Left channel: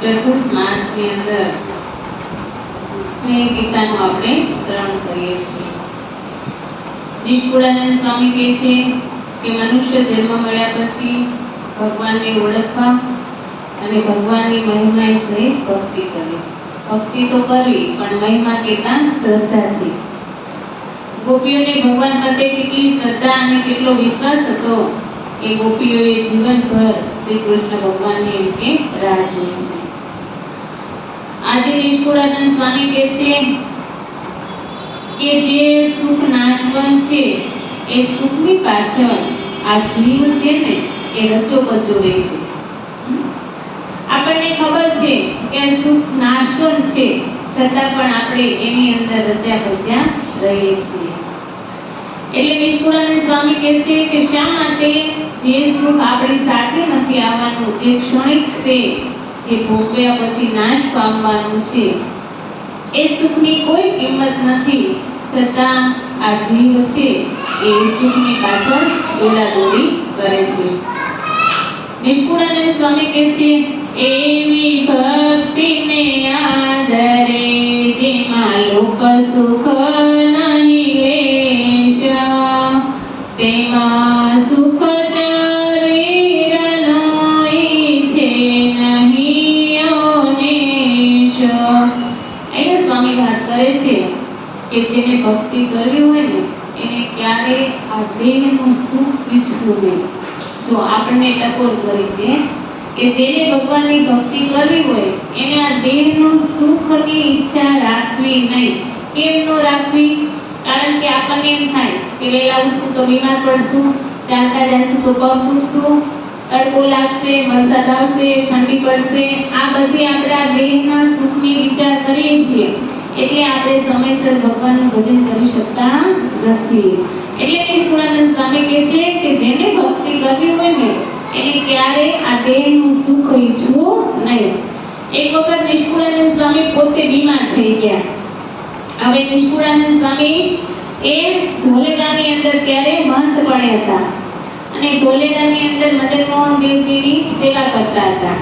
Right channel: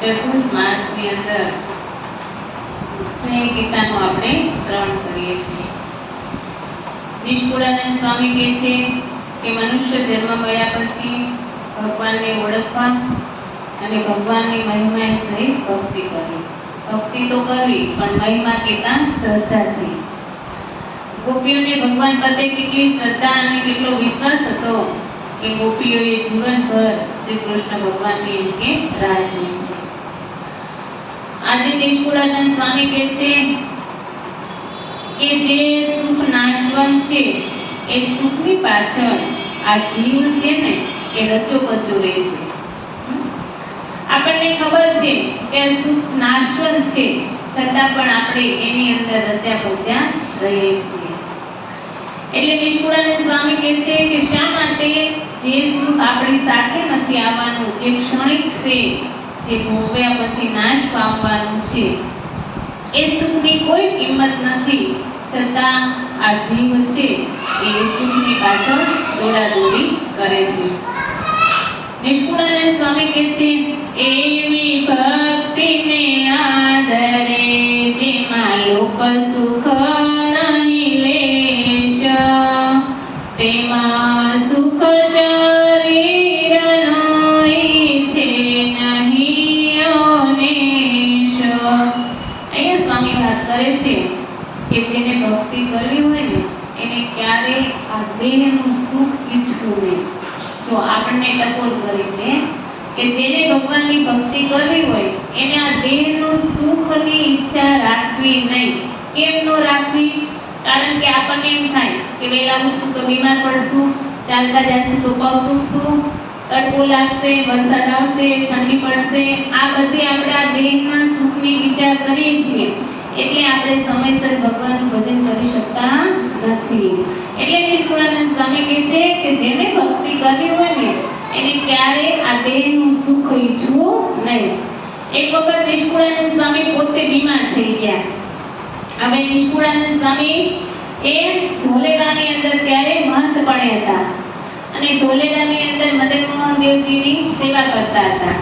ચતુર્થ માસની અંદર સ્નેહ ગીતાનું આપણે શ્રવણ કરીએ છીએ. નિષ્કુળાનંદ સ્વામી કહે છે કે મનુષ્ય જન્મ મળ્યા પછી ભગવાનને ઓળખવા અને ભગવાનની મહિમા સહિત ભક્તિ કરવી. ભક્તિ તો કરવી પણ મહિમા કહેતા શ્રદ્ધાથી. ગોપીઓને ભગવાન પ્રત્યે કેટલી શ્રદ્ધા અને કેટલો વિશ્વાસ હતો કે ગોપીઓએ જીવનભર શ્રી કૃષ્ણ ભગવાનની એમકે રાહ જોઈ છે. આજે નિષ્કુળાનંદ સ્વામી કહે છે કે જે સુખ નાશવંત છે એ સુખની પાછળ આ જીવ છે ને એ રચોપચો રહે છે. આપણને ખબર છે કે સુખ નાશવંત છે, છતાં પણ આપણે એની અંદર રચ્યા પચ્યા રહીએ છીએ. એટલે નિષ્કુળાનંદ સ્વામી કહે છે કે શા માટે જે સુખ આપણી સાથે નથી આવવાનું, જે ક્ષણિક છે, જે ભોગવ્યા પછી નાશ પામવાનું છે, એ સુખની કોઈ કિંમત નથી, છતાં આ જીવ છે એ સુખની પાછળ દોડાદોડી કરે છે. નિષ્કુળાનંદ સ્વામી કહે છે એવી ભક્તિને આદરે જેમાં લોક સુખ નહીં લેશ, તેમાં સુખ શરીરનો ઈચ્છે નહીં ઓનેશ. અહીંયા સ્વામી વાત કરે છે કે જેને ભક્તિ કરવી હોય ને એને ક્યારેય આ દેહનું સુખ ઈચ્છવું નહીં. જો આપણને ટકોર કરી છે કે જેને ભગવાનની ભક્તિ કરવી હોય એને આ દેહનું સુખની ઈચ્છા રાખવી નહીં. કેમ ન રાખવી? કારણ કે આપણને એમ થાય કે વહેલા ઉઠશું તો બીમાર પડશું, ચાલતા જશું તો પગ દુખશું, તડકો લાગશે, વરસાદ આવશે, ઠંડી પડશે. આ બધી આપણે આ દેહના સુખની વિચાર કરીએ છીએ એટલે આપણે સમયસર ભગવાનનું ભજન કરી શકતા નથી. એટલે નિષ્કુળાનંદ સ્વામી કહે છે કે જેને ભક્તિ કરવી હોય ને એને ક્યારે આ દેહનું સુખ ઈચ્છવું નહીં. એક વખત નિષ્કુળાનંદ સ્વામી પોતે બીમાર થઈ ગયા. હવે નિષ્કુળાનંદ સ્વામી એ ધોલેરાની અંદર ત્યારે મહંત બન્યા હતા અને ધોલેરાની અંદર મદન મોહન દેવજીની સેવા કરતા હતા.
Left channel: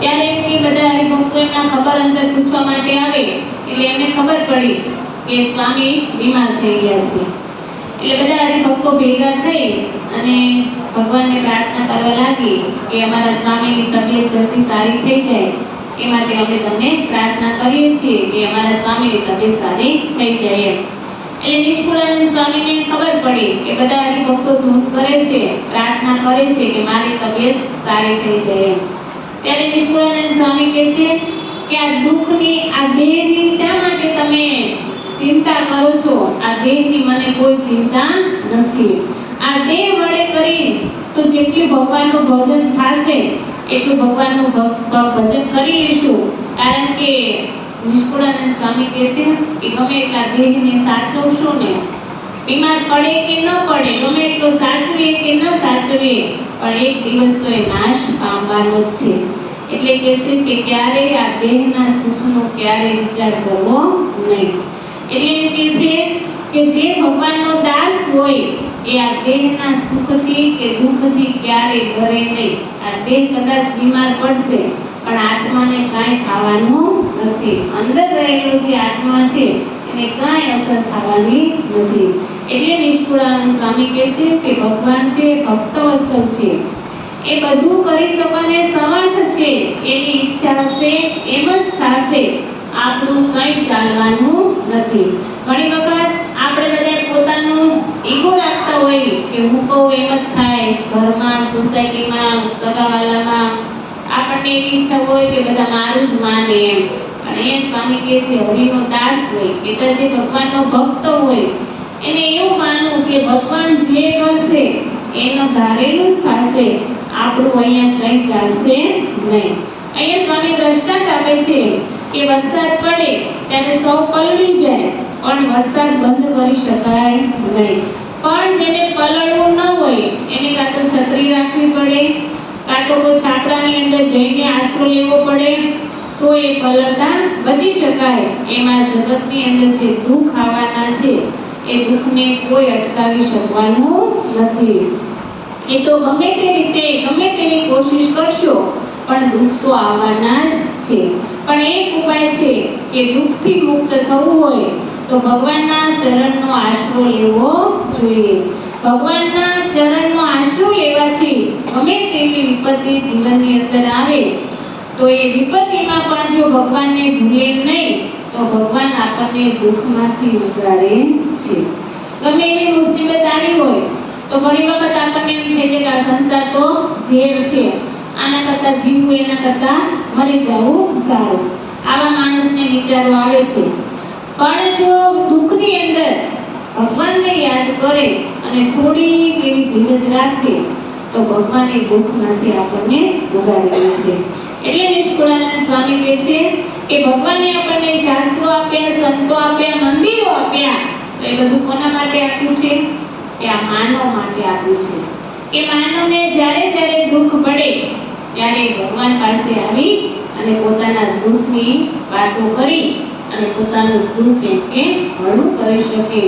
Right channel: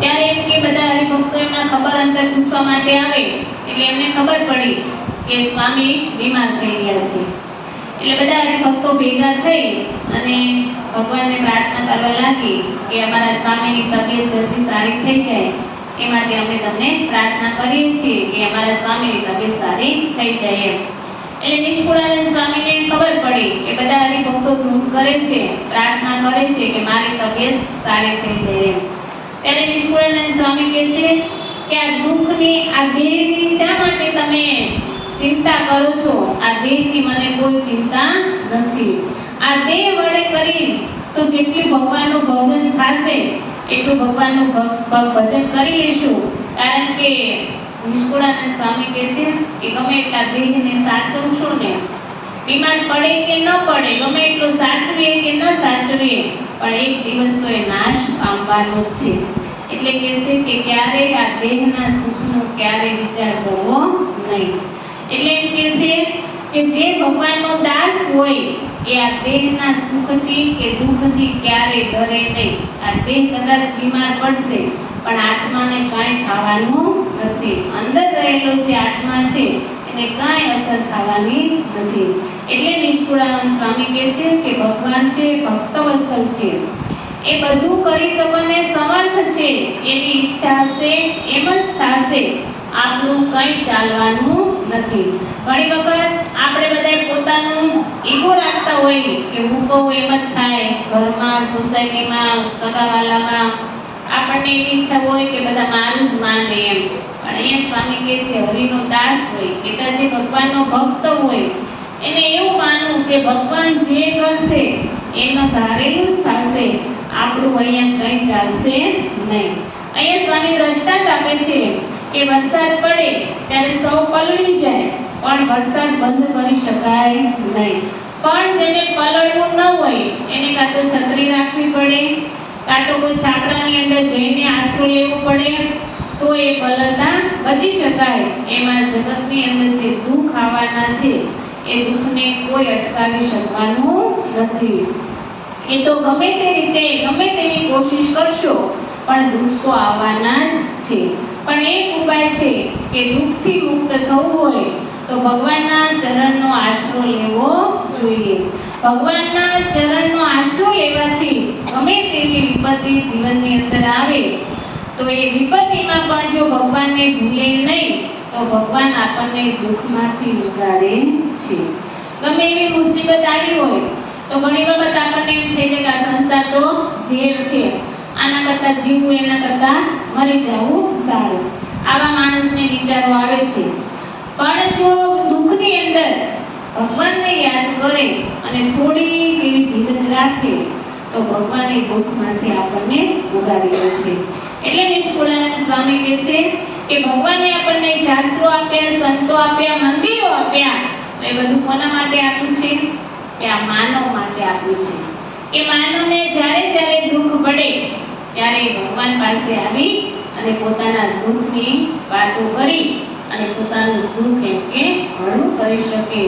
ત્યારે એમ કે બધા હરિભક્તો એમના ખબર અંતર પૂછવા માટે આવે એટલે એમને ખબર પડી કે સ્વામી બીમાર થઈ ગયા છે. એટલે બધા હરિભક્તો ભેગા થઈ અને ભગવાનને પ્રાર્થના કરવા લાગી કે અમારા સ્વામીની તબિયત જલ્દી સારી થઈ જાય એ માટે અમે તમને પ્રાર્થના કરીએ છીએ કે અમારા સ્વામીની તબિયત સારી થઈ જાય. એટલે નિષ્કુળાનંદ સ્વામીને ખબર પડી કે બધા હરિભક્તો ધૂન કરે છે, પ્રાર્થના કરે છે કે મારી તબિયત સારી થઈ જાય. ત્યારે નિષ્કુળાનંદ સ્વામી કહે છે કે આ દુઃખની, આ દેહની શા માટે તમે ચિંતા કરો છો? આ દેહની મને કોઈ ચિંતા નથી. આ દેહ વડે કરી તો જેટલું ભગવાનનું ભજન થશે એટલું ભગવાનનું ભજન કરી લઈશું. કારણ કે નિષ્કુળાનંદ સ્વામી કહે છે કે ગમે એટલા દેહને સાચવશો ને, બીમાર પડે કે ન પડે, ગમે એટલું સાચવીએ કે ન સાચવીએ, પણ એક દિવસ તો એ નાશ પામવાનો જ છે. એટલે કહે છે કે ક્યારેય આ દેહના સુખનો ક્યારેય વિચાર કરવો નહીં. એટલે એમ કહે છે કે જે ભગવાનનો દાસ હોય એ આ દેહના સુખથી કે દુઃખથી ક્યારેય ડરે નહીં. આ દેહ કદાચ બીમાર પડશે પણ આત્માને કાંઈ થવાનું નથી. અંદર રહેલો જે આત્મા છે એને કાંઈ અસર થવાની નથી. એટલે નિષ્કુળાનંદ સ્વામી કહે છે કે ભગવાન છે ભક્ત વત્સલ છે, એ બધું કરી શકવાને સમર્થ છે. એની ઈચ્છા હશે એમ જ થશે, આપણું કંઈ ચાલવાનું નથી. ઘણી વખત આપણે બધા પોતાનું ઈગો રાખતા હોય કે હું કહું એમ જ થાય, ઘરમાં, સોસાયટીમાં, સગાવાલામાં આપણને એવી ઈચ્છા હોય કે બધા મારું જ માને એમ. પણ અહીંયા સ્વામી કહે છે હરિનો દાસ હોય કે જે ભગવાનનો ભક્ત હોય એને એવું માનવું કે ભગવાન જે કરશે એનો ધારેલું જ થશે, આપણું અહીંયા કંઈ ચાલશે નહીં. અહીંયા સ્વામી દ્રષ્ટાંત આપે છે કે વરસાદ પડે ત્યારે સૌ પલળી જાય પણ વરસાદ બંધ કરી શકાય નહીં. પણ જેને પલળવું ન હોય એને કાં તો છત્રી રાખવી પડે, કાં તો કોઈ છાપરાની અંદર જઈને આશરો લેવો પડે તો એ પલળતા બચી શકાય. એમાં જગતની અંદર જે દુઃખ આવવાના છે એ દુઃખને કોઈ અટકાવી શકવાનું નથી. એ તો ગમે તે રીતે ગમે તેની કોશિશ કરશો પણ દુઃખ તો આવવાના જ છે. પણ એક ઉપાય છે કે દુઃખથી મુક્ત થવું હોય તો ભગવાનના ચરણનો આશરો લેવો જોઈએ. ભગવાનના ચરણનો આશરો લેવાથી ગમે તેવી વિપત્તિ જીવનની અંદર આવે તો એ વિપત્તિમાં પણ જો ભગવાનને ભૂલે નહીં તો ભગવાન આપણને દુઃખમાંથી ઉગારે છે. ગમે એવી મુસીબત આવી હોય તો ઘણી વખત આપણને એમ થઈ જાય કે આ સંસાર તો ઝેર છે, આના કરતાં જીવવું એના કરતાં મરી જવું સારું, આવા માણસને વિચારો આવે છે. પણ જો દુઃખની અંદર ભગવાનને યાદ કરે અને થોડી એવી ધીરજ રાખે તો ભગવાન એ દુઃખમાંથી આપણને ઉગાડી દે છે. એટલે નિષ્કુળાનંદ સ્વામી કહે છે કે ભગવાને આપણને શાસ્ત્રો આપ્યા, સંતો આપ્યા, મંદિરો આપ્યા, એ બધું કોના માટે આપ્યું છે? કે આ માનવ માટે આપ્યું છે. કે માનવને જ્યારે જ્યારે દુઃખ પડે ત્યારે ભગવાન પાસે આવી અને પોતાના દુઃખની વાતો કરી અને પોતાનું દુઃખ એમ કે હળવું કરી શકે.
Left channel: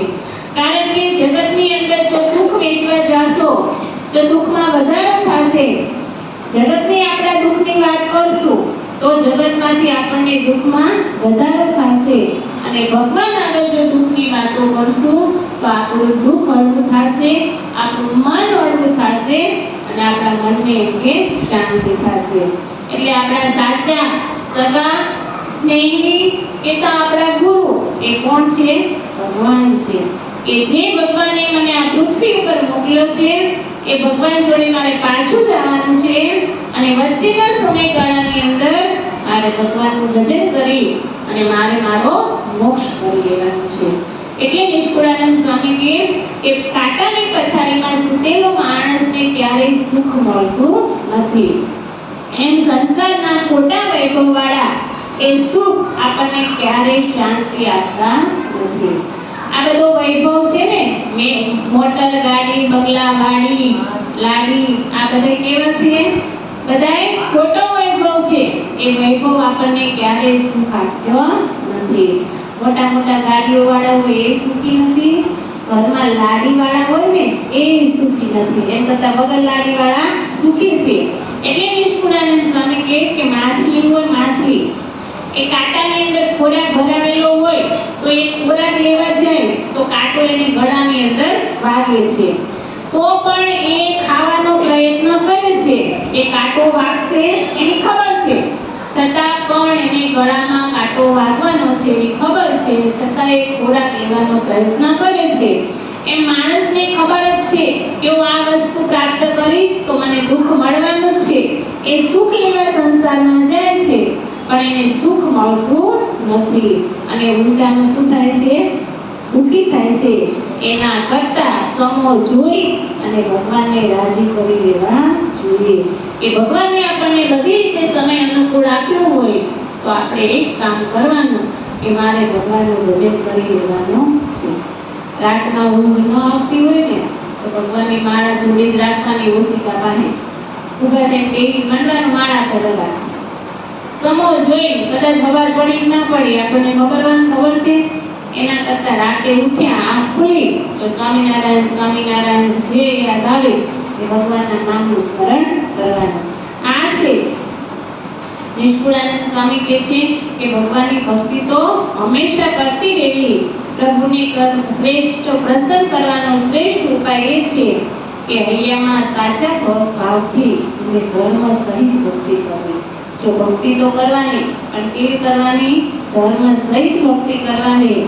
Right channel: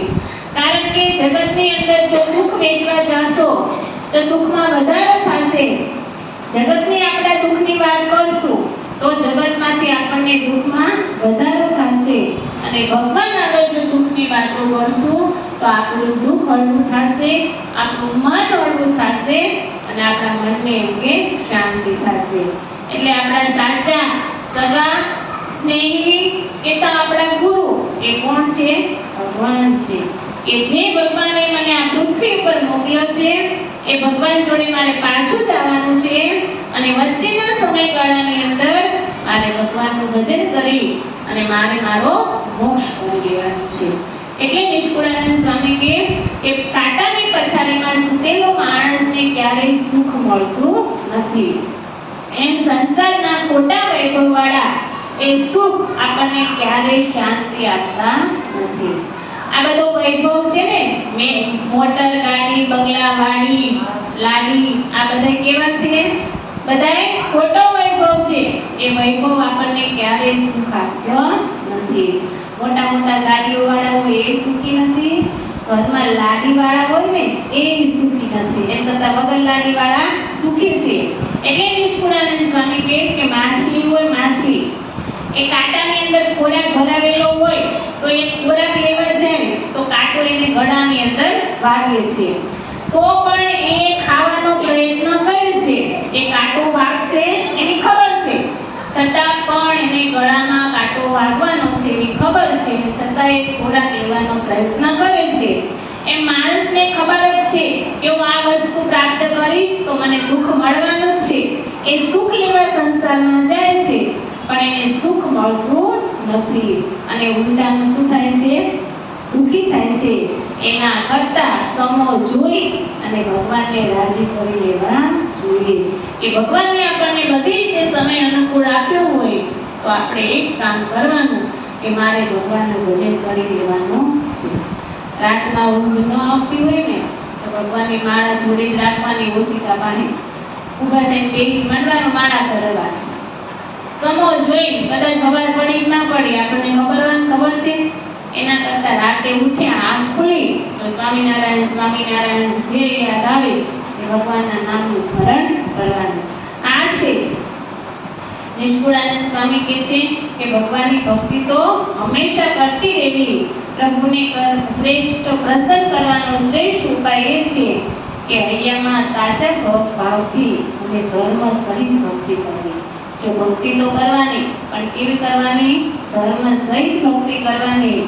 કારણ કે જગતની અંદર જો દુઃખ વેચવા જાશો તો દુઃખમાં વધારો થશે. જગતની આપણે દુઃખની વાત કરશું તો જગતમાંથી આપણને દુઃખમાં વધારો થશે અને ભગવાન આગળ જો દુઃખની વાતો કરશું તો આપણું દુઃખ હળવું થશે, આપણું મન હળવું થશે અને આપણા મનને એમ કે શાંતિ થશે. એટલે આપણા સાચા સગા સ્નેહી કે તો આપણા ગુરુ એ કોણ છે? ભગવાન છે. કે જે ભગવાને મને આ પૃથ્વી ઉપર મોકલ્યો છે એ ભગવાન જોડે મારે પાછું જવાનું છે અને વચ્ચેના સમયગાળાની અંદર મારે ભગવાનનું ભજન કરી અને મારે મારો મોક્ષ કરી લેવાનો છે. એટલે નિષ્કુળાનંદ સ્વામી કહે કે કાંટાની પથારીમાં સૂતેલો માણસને ક્યારેય સુખ મળતું નથી. એમ સંસારના ખોટા વૈભવવાળા એ સુખ આપણને ક્યારેય શાંતિ આપતા નથી. આ બધો વૈભવ છે ને, મોટર, ગાડી, બંગલા, વાડી, લાડી, આ બધા કેવા છે? બધાય ખોટો વૈભવ છે. એ વૈભવ આપણને ક્યારેય સુખ આપતો નથી. મોટા મોટા ગાડીઓ વાળા હોય એ સુખી નથી, ઘરમાં લાડી વાળા હોય ને એ સુખી નથી, એમ કરતા વગર લાડી વાળા સુખી છે. એટલે નિષ્કુળાનંદ સ્વામી કહે કે માછલી હોય, માછલી એ કાંટાની અંદર ખોરાક ભરાવેલો હોય તો એ ખોરાક લેવા જાય તો કાંટો એને ગળાની અંદર વાગે છે, તો પણ એ ખાવાનો પ્રયત્ન કરે છે. એ કાંટો વાગશે એની ખબર છે, છતાં પણ એને ગળામાં કાંટો વાગવાનો છે એવી ખબર છે, છતાં એ ખોરાક લેવાનો પ્રયત્ન કરે છે. એમ માણસને ખબર જ છે કે હું આ વસ્તુ પ્રાપ્ત કરીશ તો મને દુઃખ મળવાનું છે. એ સુખ લેવા સંસારમાં જાય છે પણ એને સુખ મળતું નથી અને ઉલટાનું શું થાય છે? દુઃખી થાય છે. એના કરતા સમો જોઈ અને ભગવાનને રાજી કરી લેવા જોઈએ. કે ભગવાનને આપણને બધી રીતે સમય અનુકૂળ આપ્યો હોય તો આપણે એક કામ કરવાનું કે મારે ભગવાનનું ભજન કરી લેવાનું છે. રાતના ઊંઘ ન આવતી હોય ને તો ભગવાનની માળા જોડે જ રાખવાની, ઓશિકા પાસે ઊભા થઈને પેલી માંડવાનું, માળા કરવા. સમો જોઈ કદાચ ખબર પડી ના પડી આપણને ખબર છે. એના કરતા રાતે ઉઠ્યા આંખ ખુલી તો સ્વામિનારાયણ સ્વામિનારાયણ જે યાદ આવે એ ભગવાનના નામનું સ્મરણ કરવાનું. આ છે નિષ્કુળાનંદ સ્વામી કહે છે કે ભગવાનની ભક્તિ તો હંમેશા કરતી રહેવી. પ્રભુને શ્રેષ્ઠ પ્રસન્ન કરવાનો શ્રેષ્ઠ ઉપાય એ છે કે હૈયામાં સાચા ભાવથી અને ધર્મ સહિત ભક્તિ કરવી. જો ભક્તિ તો કરવાની પણ કેવી કરવાની? ધર્મ સહિત ભક્તિ કરવાની.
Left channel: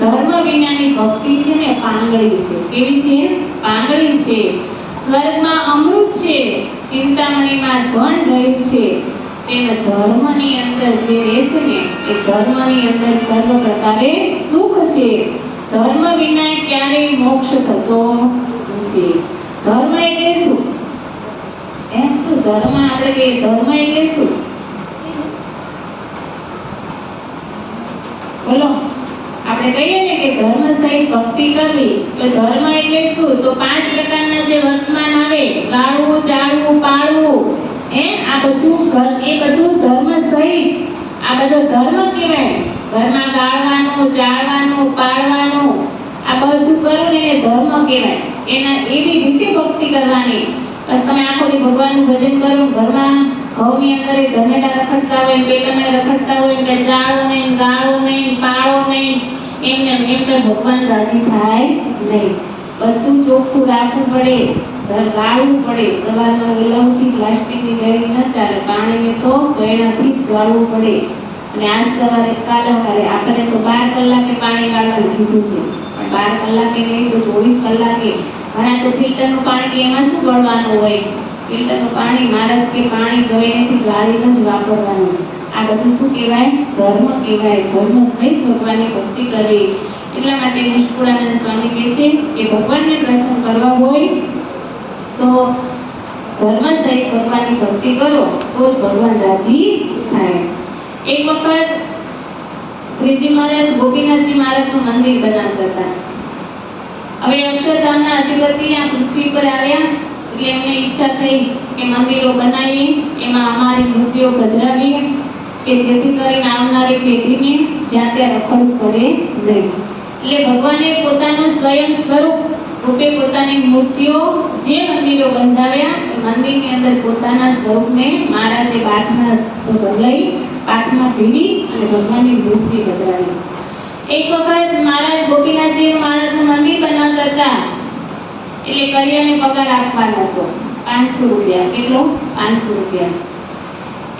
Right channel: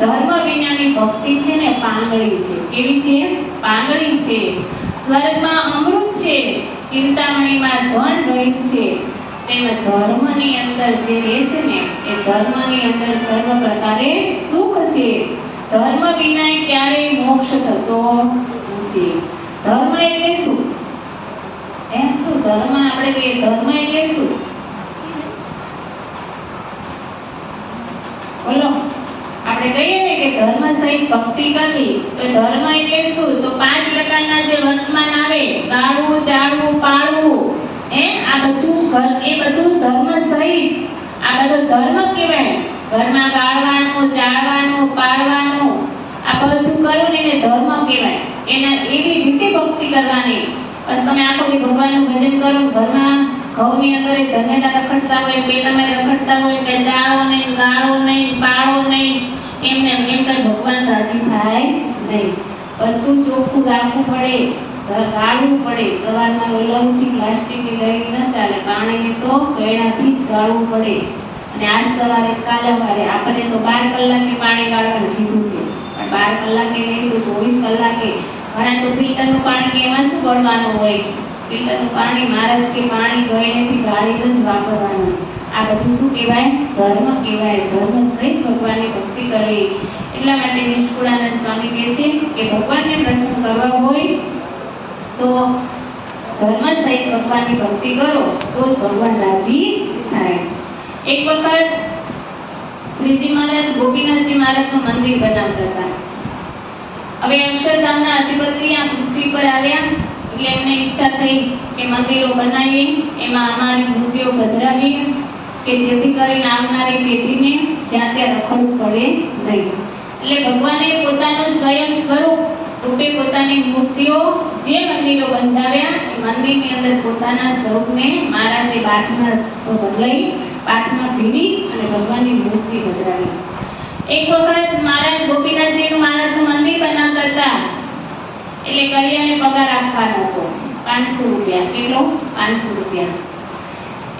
ધર્મ વિનાની ભક્તિ છે ને પાંગળી છે. કેવી છે? પાંગળી છે. સ્વર્ગમાં અમૃત છે, ચિંતામણીમાં ધન રહ્યું છે, તેમ ધર્મની અંદર જે રહેશે ને એ ધર્મની અંદર સર્વ પ્રકારે સુખ છે. ધર્મ વિના ક્યારેય મોક્ષ થતો નથી. ધર્મ એટલે શું? એમ શું ધર્મ? આપણે કહીએ ધર્મ એટલે શું? બોલો. આપણે કહીએ ને કે ધર્મ સહિત ભક્તિ કરવી તો ધર્મ એટલે શું? તો 5 પ્રકારના જે વર્તમાન આવે, ગાળવું, ચાળવું, પાળવું, આ બધું એ બધું ધર્મ સહિત. આ બધો ધર્મ કહેવાય. ઘરમાં ગાળવાનું, ચાળવાનું, પાળવાનું, આ બધું કરવું એને ધર્મ કહેવાય. એના એવી રીતે ભક્તિ કરવાની. બસ તમે આખો દી ભગવાનનું ભજન કરો, ઘરમાં ઘઉંની અંદર ધનેડા રખડતા હોય, બે તમે રખડતા હોય, કે ચાળો નહીં, ગાળો નહીં, પાળો નહીં, એમને એમ તો ભગવાન રાજી થાય નહીં. બધું ચોખ્ખું રાખવું પડે, ગાળવું પડે. સવારમાં વહેલા ઉઠી પ્લાસ્ટિકની ગળી ન ચાલે, પાણીને તો ગળાથી જ ગાળવું પડે. અને આજ સવારે કાલે સવારે આપણે તો 12 કલાકે પાણી ગાળવાનું કીધું છે, પણ 12 કલાકે નહીં તો 24 કલાકે. ઘણા તો ફિલ્ટરનું પાણી કે એમાં શું ગળવાનું હોય? ફિલ્ટરનું પાણી મહારાજ કે પાણી ગળેથી ગાળીને જ વાપરવાનું. આ બધું શું કહેવાય? ધર્મ કહેવાય. ધર્મ સહિત ભગવાનની ભક્તિ કરવી. એટલા માટે નિષ્કુળાનંદ સ્વામી કહે છે કે ભગવાનને પ્રસન્ન કરવા હોય તો ધર્મ સહિત ભગવાનની ભક્તિ કરો તો જ ભગવાન રાજી થાય. એક વખત શ્રીજી મહારાજ ગોપીનાથજી મહારાજનું મંદિર બનાવતા હતા. હવે અક્ષરધામના અધિપતિ આ પૃથ્વી પર આવ્યા એટલે એમને ઈચ્છા થઈ કે મંદિરો બનાવીએ, એમાં અમારી મૂર્તિઓ પધરાવીએ કે જેથી કરીને આવનારી પેઢીને જ્યાં ત્યાં રખડવું પડે નહીં. એટલે ભગવાને પોતાનું સ્વયં સ્વરૂપ રૂપે પોતાની મૂર્તિઓ જે મંદિરો બંધાવ્યા એ મંદિરની અંદર પોતાના સ્વરૂપને મહારાજે પાઠમાં બદલાઈ, પાઠમાં ભીડી અને ભગવાનની મૂર્તિ બદલાવી. એક વખત મહારાજ ગોપીનાથજી મહારાજનું મંદિર બનાવતા હતા એટલે કરિયાને પગાર આપવાનો હતો 500 રૂપિયા. કેટલો? 500 રૂપિયા.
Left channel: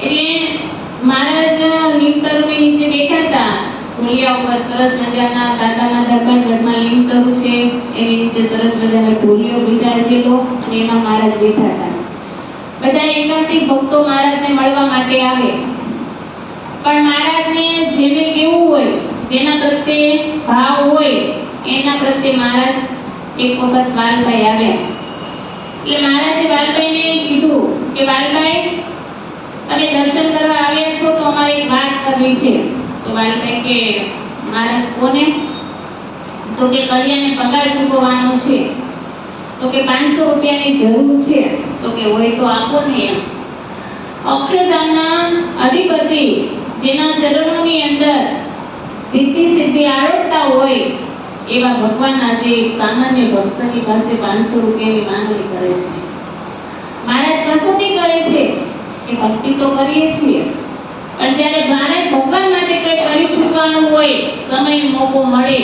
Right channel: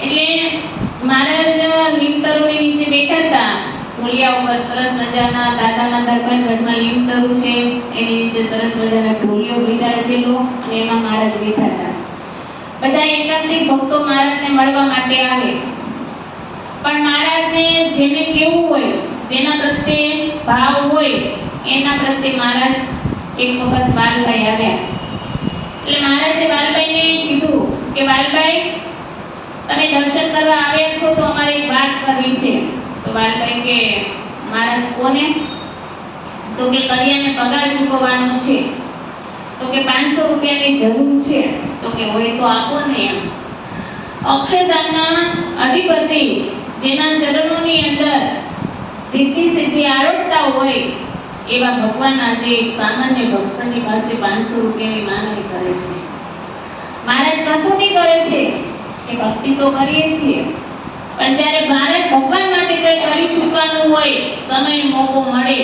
એટલે મહારાજ લીમતરુની નીચે બેઠા હતા. ઢોલિયા ઉપર સરસ મજાના દાદાના દરબાર ગઢમાં લીમતરુ છે, એની નીચે સરસ મજાના ઢોલિયો બિરાજેલો અને એમાં મહારાજ બેઠા હતા. બધા એકાંતિક ભક્તો મહારાજને મળવા માટે આવે, પણ મહારાજને જેને કેવું હોય, જેના પ્રત્યે ભાવ હોય એના પ્રત્યે મહારાજ એક વખત વાલભાઈ આવ્યા. એટલે મહારાજે વાલભાઈને કીધું કે વાલભાઈ તમે દર્શન કરવા આવ્યા છો તો અમારે એક વાત કરવી છે. તો વાલભાઈ કે મહારાજ કોને? તો કે કરિયાને પગાર ચૂકવવાનો છે. તો કે 500 રૂપિયાની જરૂર છે. તો કે હોય તો આપો ને એમ. અક્ષરધામના અધિપતિ જેના ચરણોની અંદર રીતિ સિદ્ધિ આરોપતા હોય એવા ભગવાન આજે એક સામાન્ય ભક્તની પાસે 500 રૂપિયાની માંગણી કરે છે. મહારાજ કસોટી કરે છે કે ભક્તિ તો કરીએ છીએ, પણ જ્યારે મહારાજ ભગવાન માટે કંઈ કરી ચૂકવાનું હોય, સમય મોકો મળે,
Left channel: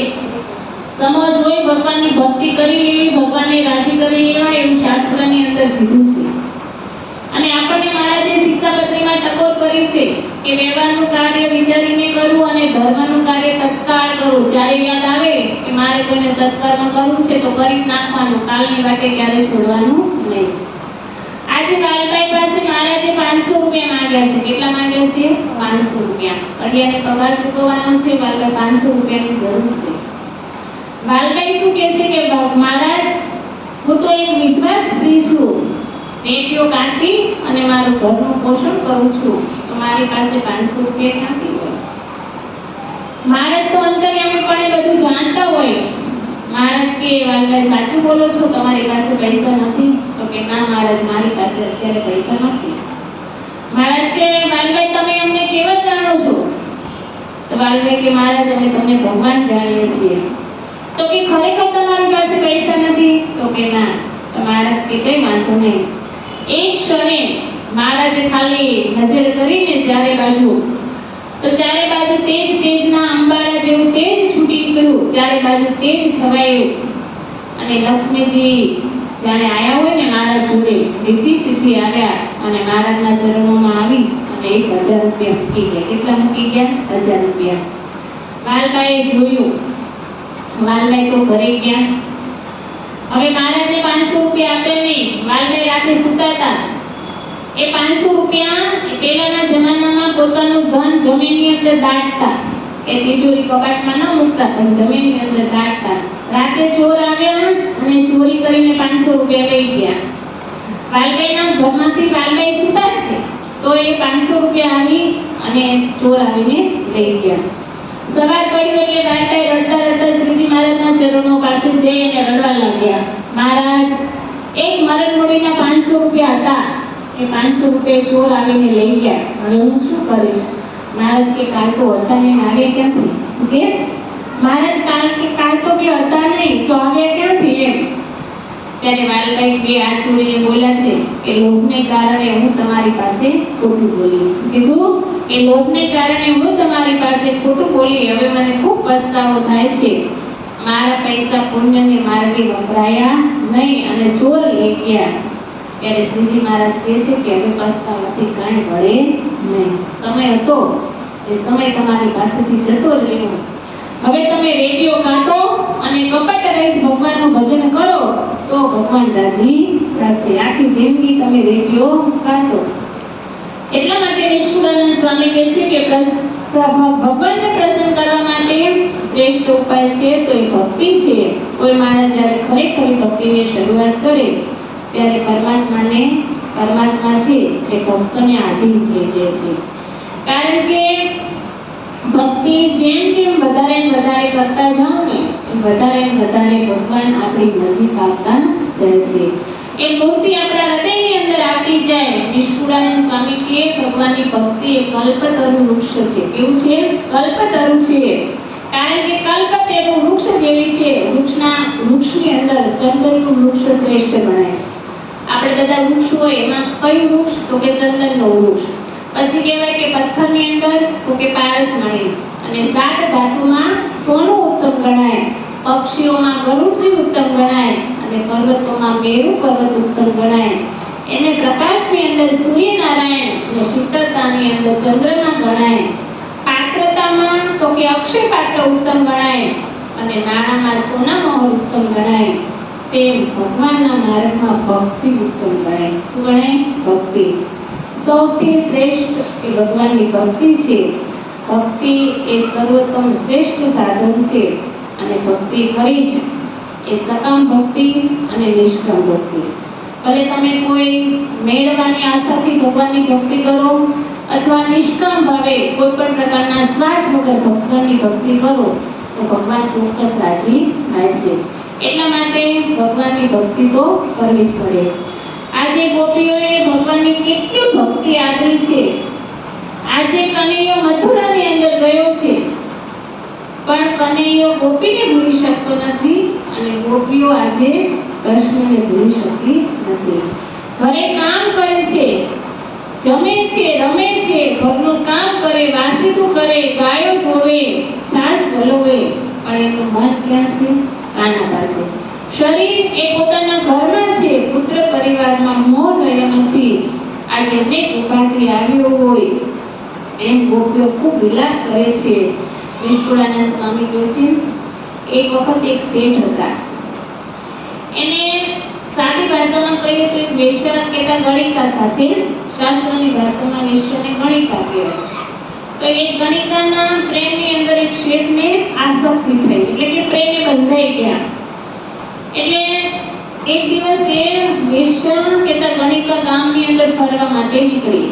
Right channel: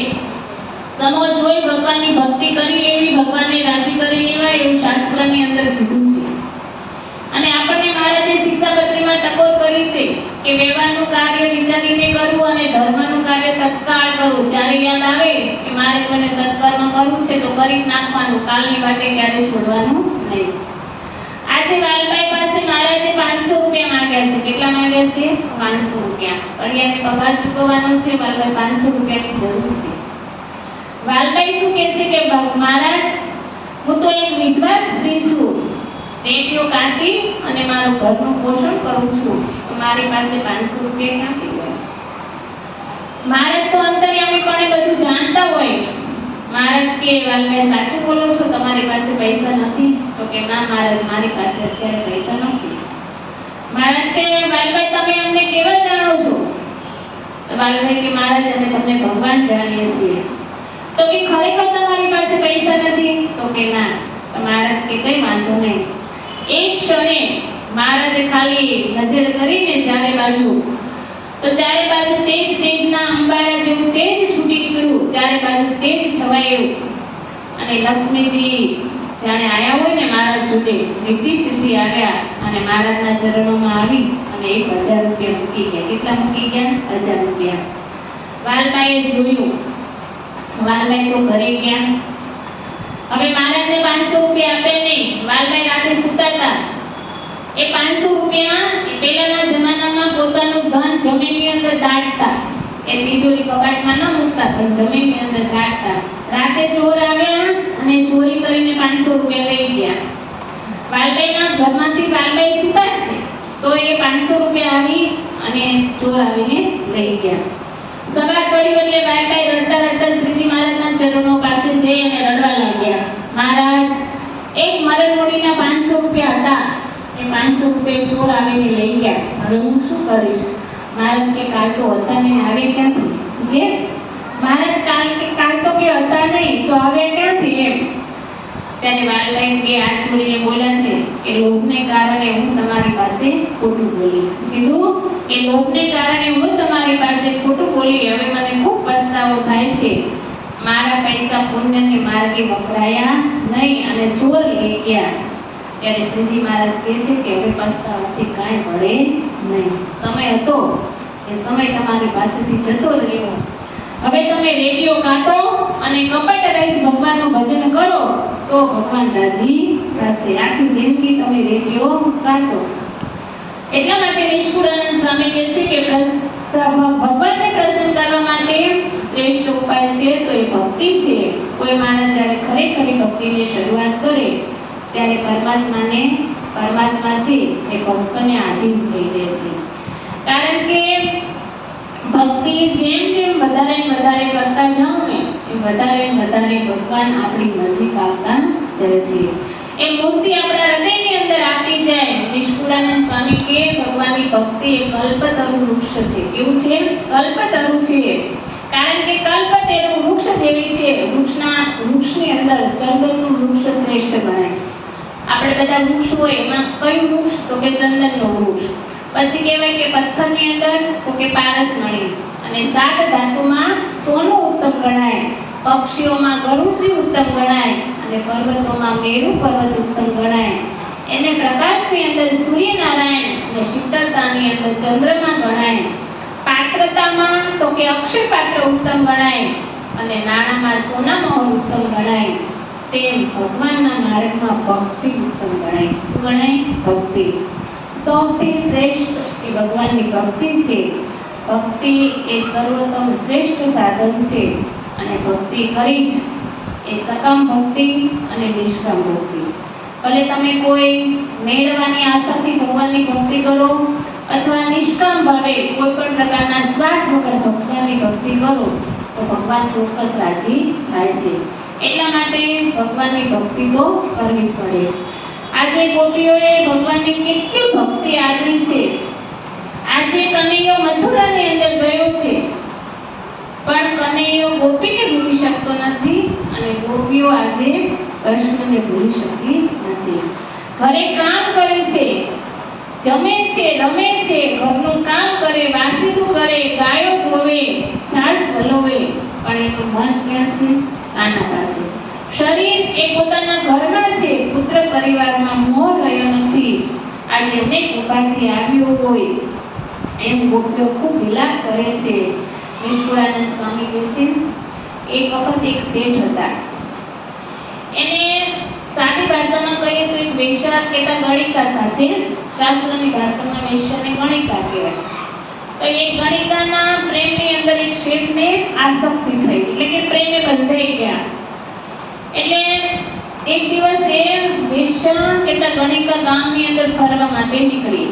સમો જોઈ ભગવાનની ભક્તિ કરી લેવી, ભગવાનને રાજી કરી લેવા એવું શાસ્ત્રની અંદર કીધું છે. અને આપણને મહારાજે શિક્ષાપત્રીમાં ટકોર કરી છે કે વ્યવહારનું કાર્ય વિચારીને કરવું અને ધર્મનું કાર્ય તત્કાળ કરવું. જ્યારે યાદ આવે કે મારે કોઈને સત્કર્મ કરવું છે તો કરી નાખવાનું, કાલની વાટે ક્યારે છોડવાનું નહીં. આજે વાલભાઈ પાસે મહારાજે 500 રૂપિયા માંગ્યા છે. કેટલા માંગ્યા છે? 500. ઘડિયાને પગાર ચૂકવવાનો છે, વાલભાઈ 500 રૂપિયાની જરૂર છે. વાલભાઈ શું કહે છે કે મહારાજ, હું તો એક વિધવા સ્ત્રી છું, પેટીઓ કાઢી અને મારું ઘરનું પોષણ કરું છું, તો મારી પાસે 500 રૂપિયા ક્યાંથી હોય? મહારાજ તો અંતર્યામીપણે બધું જાણતા હોય. મહારાજ કે વાલભાઈ સાચું બોલો છો, તમારી પાસે પૈસા નથી? તો કે ના મહારાજ, મારી પાસે અત્યારે પૈસા નથી. મહારાજ કે વાલભાઈ તમે અમને કેવા જાણો છો? તો વાલભાઈ કે મહારાજ અમે તમને ભગવાન જાણીએ છીએ. તો કે ખરેખર તમારી પાસે પૈસા નથી? તો કે ના. તો મહારાજ કે કઈ વાંધો નહીં. એક ક્ષણે મહારાજે ખાલી નજર કરીને ચારે બાજુ, તો ચારે બાજુ તેજના અંબારા જેવું તેજ છૂટી નીકળ્યું, ચારે બાજુ તેજ છવાયું અને લક્ષ્મીજી જાણે આયા હોય ને મહારાજ જોડે, રીતિ સિદ્ધિ આવ્યા અને મહારાજના ચરણોમાં આવી અને 1000 રૂપિયા મૂકી ગયા. કેટલા મૂકી ગયા? 1000 રૂપિયા. વાલભાઈએ જોયું. વાલભાઈ તો ઘરે ગયા. હવે મહારાજને 500 રૂપિયા આપે નહીં. વાલભાઈ રાતે સૂતા હતા. એ 500 રૂપિયા પહેલાના જમાનામાં પોતાનું ધન જમીનની અંદર દાટતા. એ તિજોરી કબાટમાં ન મૂકતા, પણ જમીનની અંદર દાટતા. રાતે ચોર આવ્યા અને ચોરી કરીને 500 રૂપિયા લઈ ગયા. વાલભાઈના ઘરમાંથી વાલભાઈ સૂતા છે, તો એ 500 રૂપિયા આવી અને ચોર આવીને લઈ ગયા. સવાર પડ્યું એટલે વાલભાઈ રડતા રડતા શ્રીજી મહારાજના ચરણો પાસે જઈ અને રડવા લાગ્યા. મહારાજ, એક મરણમોડીના 500 રૂપિયા હતા, એ 500 રૂપિયા ચોર આવીને લઈ ગયા. હવે હું શું કરીશ? મહારાજ કે કાલ તો હતા નહીં, આવે ક્યાંથી? શું કે મહારાજ કાલ તો કે હતા નહીં, તો આવે ક્યાંથી? એમ ત્યારે વાલભાઈ બે હાથ જોડીને બોલ્યા છે કે લોભને કારણે હું તમારી પાસે ખોટું બોલી. શું કીધું? કે લોભને કારણે હું તમારી પાસે ખોટું બોલી. હવે મને ખૂબ પસ્તાવો થાય છે. મારા પૈસા પુણ્યને માર્ગે વપરાયા નહીં અને ચોર લઈ ગયા. ત્યારે શ્રીજી મહારાજ કહે છે કે હવે પસ્તાવાથી કાંઈ વળે નહીં. સમય હતો, એ સમય તમારી પાસેથી જતો રહ્યો. હવે તમે રેડિયો કાઢો અને કપટ રહિત ભગવાનનું ભજન કરો તો ભગવાન રાજી થશે. આખી જિંદગી તમે રેડિયો કાઢો. એટલા માટે નિષ્કુળાનંદ સ્વામી કહે છે કે ભગવાનને પ્રસન્ન કરવા માટે શ્રેષ્ઠ ઉપાય છે તો એ ભક્તિ છે. કોઈ માણસ જ્યારે ખરેખર ભક્તિની શરૂઆત કરે ત્યારે પરમાત્મા છે એ ભક્તને આધીન થઈ જાય છે. કારણ કે ભક્તિ જેમ વધારે કરતા જાઓ ને એમ વધારે ભગવાન આપણી નજીક આવતા જાય છે. એ મૂર્તિ આપણા હૃદયની અંદર આવતી જાય. નિષ્કુળાનંદ સ્વામી કે ભગવાનની ભક્તિ એ કલ્પતરુ વૃક્ષ છે. કેવું છે? કલ્પતરુ છે. કારણ કે કલ્પ તેનું વૃક્ષ જેવી છે. વૃક્ષની અંદર ચંદનનું વૃક્ષ શ્રેષ્ઠ ગણાય. આપણે બધા વૃક્ષ હોય એમાં કયું વૃક્ષ? તો કે ચંદનનું વૃક્ષ. પછી કહેવાય કે પથ્થરની અંદર તો કે પારસમણી, અને 7 ધાતુમાં સોનું ઉત્તમ ગણાય, પક્ષીઓમાં ગરુડજી ઉત્તમ ગણાય અને પર્વતોમાં મેરુ પર્વત ઉત્તમ ગણાય. એને પ્રકાશની અંદર સૂર્યનારાયણ અને શીતળતાની અંદર ચંદ્રમા ગણાય. પાત્રતામાં તો કે અક્ષય પાત્ર ઉત્તમ ગણાય અને નાણામાં સોનામહોર ઉત્તમ ગણાય. તેમ ભગવાનના માર્ગમાં ભક્તિ ઉત્તમ ગણાય. શું ગણાય? ભક્તિ. સૌથી શ્રેષ્ઠ એ ભગવાનની ભક્તિ છે. ભક્તિ એ સર્વોત્તમ શ્રેષ્ઠ સાધન છે અને ભક્તિ કરી છે એ સકામ ભક્તિ અને નિષ્કામ ભક્તિ. ભલે તમે કોઈ મેળવવાની આશાથી ભગવાનની ભક્તિ કરો અથવા નિષ્કામ ભાવે કોઈ પણ પ્રકારના સ્વાર્થ વગર ભગવાનની ભક્તિ કરો તો ભગવાન ચોક્કસ રાજી થાય છે. એટલા માટે ભગવાનની ભક્તિ તો કરવી જ પડે. આજે ગોપીઓએ ભગવાનની કેટલી ભક્તિ આદરી છે. આજે કનૈયો મથુરાની અંદર ગયો છે પણ કનૈયો ગોપીને ભૂલી શકતો નથી અને ગોપીઓ આજે કૃષ્ણને ભૂલી શકતી નથી. ઘરે કામ કરે છે, જમે છે, રમે છે, ઘરનું કામ કરે, વાસીદું કરે, ગાયો ધોવે, છાસ વલોવે, પણ એનું મન ક્યાં છે? આના પાસે. શરીર એ પોતાના ઘરમાં છે, પુત્ર પરિવારમાં મોહ રહ્યો નથી. આજે અનેક ઉપાધિ આવ્યો હોય એમ ગોપીઓ ખૂબ વિલાપ કરે છે. નિષ્કુળાનંદ સ્વામી કહે છે એક વખત એક શેઠ હતા. એને સાદી ભાષામાં કહીએ તો એક વેશ્યા કહેતા ગણિકા સાથે, શાસ્ત્રની ભાષામાં વેશ્યાને ગણિકા કહેવાય. તો તો એક ગણિકાના પ્રેમની અંદર એક શેઠને આસક્તિ થઈ, એટલે કે પ્રેમે બંધાઈ ગયા. એટલે એક દિવસ એ વેશ્યા કહેતા ગણિકા ગામની અંદર ફરવા માટે નીકળી.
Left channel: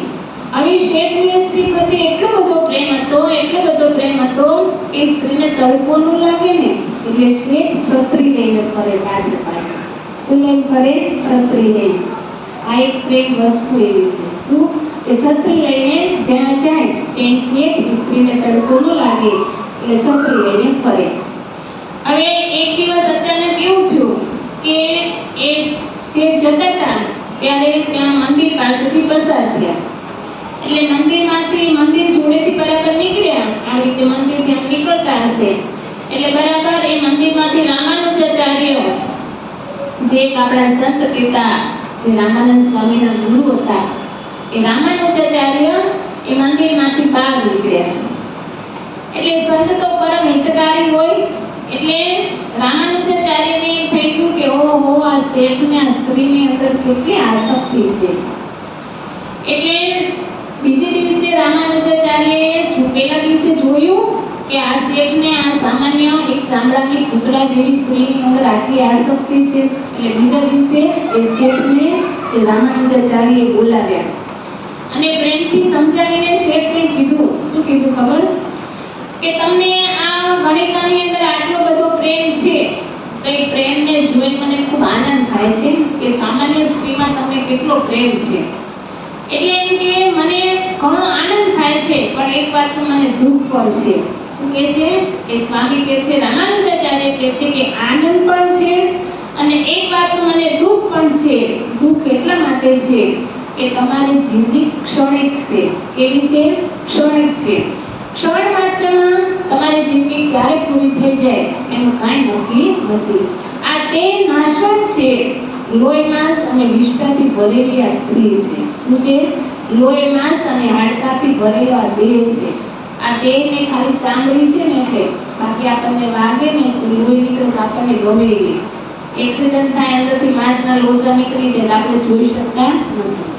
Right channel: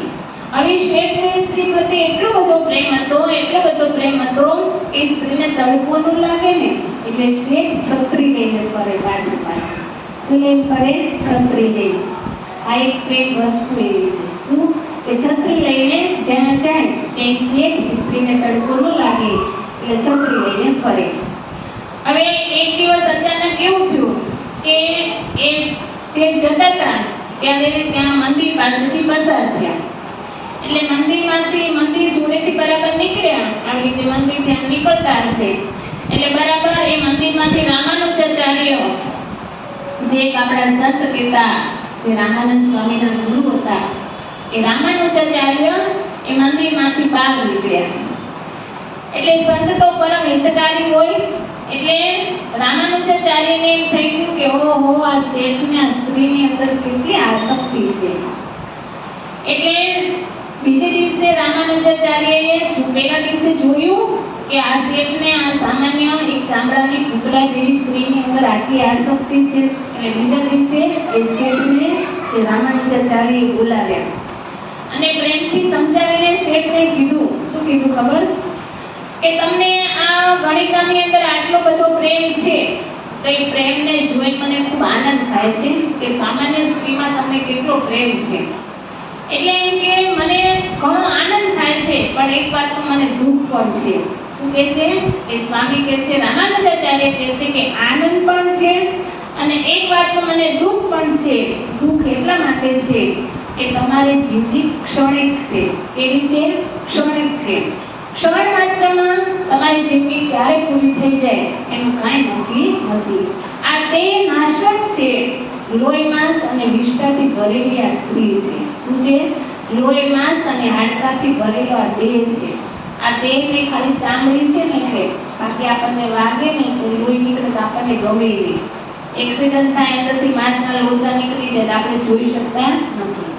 આવી શેઠની સ્ત્રી પ્રત્યે એટલો બધો પ્રેમ હતો કે સ્ત્રીને તડકો ન લાગે ને એટલે શેઠ છત્રી લઈને ફરે પાછળ. શું લઈને ફરે? છત્રી લઈને. આ એક પ્રેમ વસ્તુ એવી છે. શું? એ છત્રી લઈને જ્યાં જાય ત્યાં શેઠ સ્ત્રીને તડકો ન લાગે એટલે છત્રી લઈને ફરે. હવે એક દિવસ અચાનક એવું થયું કે એ શેઠ જતા હતા ત્યારે ત્યાં મંદિર પાસેથી પસાર થયા. એટલે મંદિર જોડેથી બરાબર નીકળ્યા. આવી રીતે મંદિરથી આમ નીકળતા હશે એટલે બરાબર એ મંદિરમાંથી રામાનુજાચાર્ય, જે એક આપણા સંત કહેતા, જે રામાનંદ સ્વામીના ગુરુ હતા, એ રામાનુજાચાર્ય એ મંદિરમાંથી બહાર નીકળ્યા. એટલે સંત તો પરમ હિતકારી હોય એટલે રામાનુજાચાર્યને એમ થઈ ગયું કે ઓહો, આ શેઠને આ સ્ત્રીની અંદર કેટલી આસક્તિ છે. એટલે બીજે દિવસે રામાનુજાચાર્યએ પહેલા દિવસે જોયું કે આ શેઠને આ સામાન્ય એક ચામડાની પૂતળા જેવી સ્ત્રીની અંદર આટલી આસક્તિ છે. એટલે બીજા દિવસે એ શેઠને રામાનુજાચાર્યએ બોલાવ્યા અને પ્રેમથી સમજાવીને શેઠને કીધું. શું કીધું ખબર? કે તમને આ ગણિકાની અંદર આટલો બધો પ્રેમ છે તો એ પ્રેમને જોઈને મને ખૂબ આનંદ થાય છે કે સામાન્ય સ્ત્રીમાં તમને કેટલો પ્રેમ છે. એટલે એમ કે મને ઘણો આનંદ થાય છે, પણ એક વાત તો મને દુઃખ પણ છે. શું કહે છે? એ સ્વામી કહે છે, રામાનુજાચાર્ય કહે છે કે આનંદ પણ છે અને એક વાત તો મને દુઃખ પણ છે. દુઃખ એટલા માટે છે કે તમારી જિંદગી ક્ષણિક છે. કેવી છે? ક્ષણિક છે. ક્ષણ માત્રમાં તમારી જિંદગી ક્યારે પૂરી થઈ જાય એનું કાંઈ નક્કી નથી. આ તે નાશવત છે. લોહી માંસ અને વિષ્ઠાથી ભરેલી આ સ્ત્રી છે. શું છે? લોહી માંસ અને હાડકાથી ભરેલો આ દેહ છે. આ દેહને ખાલી ચામડી છે ને એટલે, બાકી આપણને વાગે ને તો લોહી નીકળે તો આપણને ગમે નહીં. એક્સિડન્ટ થાય અંદરથી માંસના લોચા નીકળી જાય તો આપણે જોઈ શકતા નથી.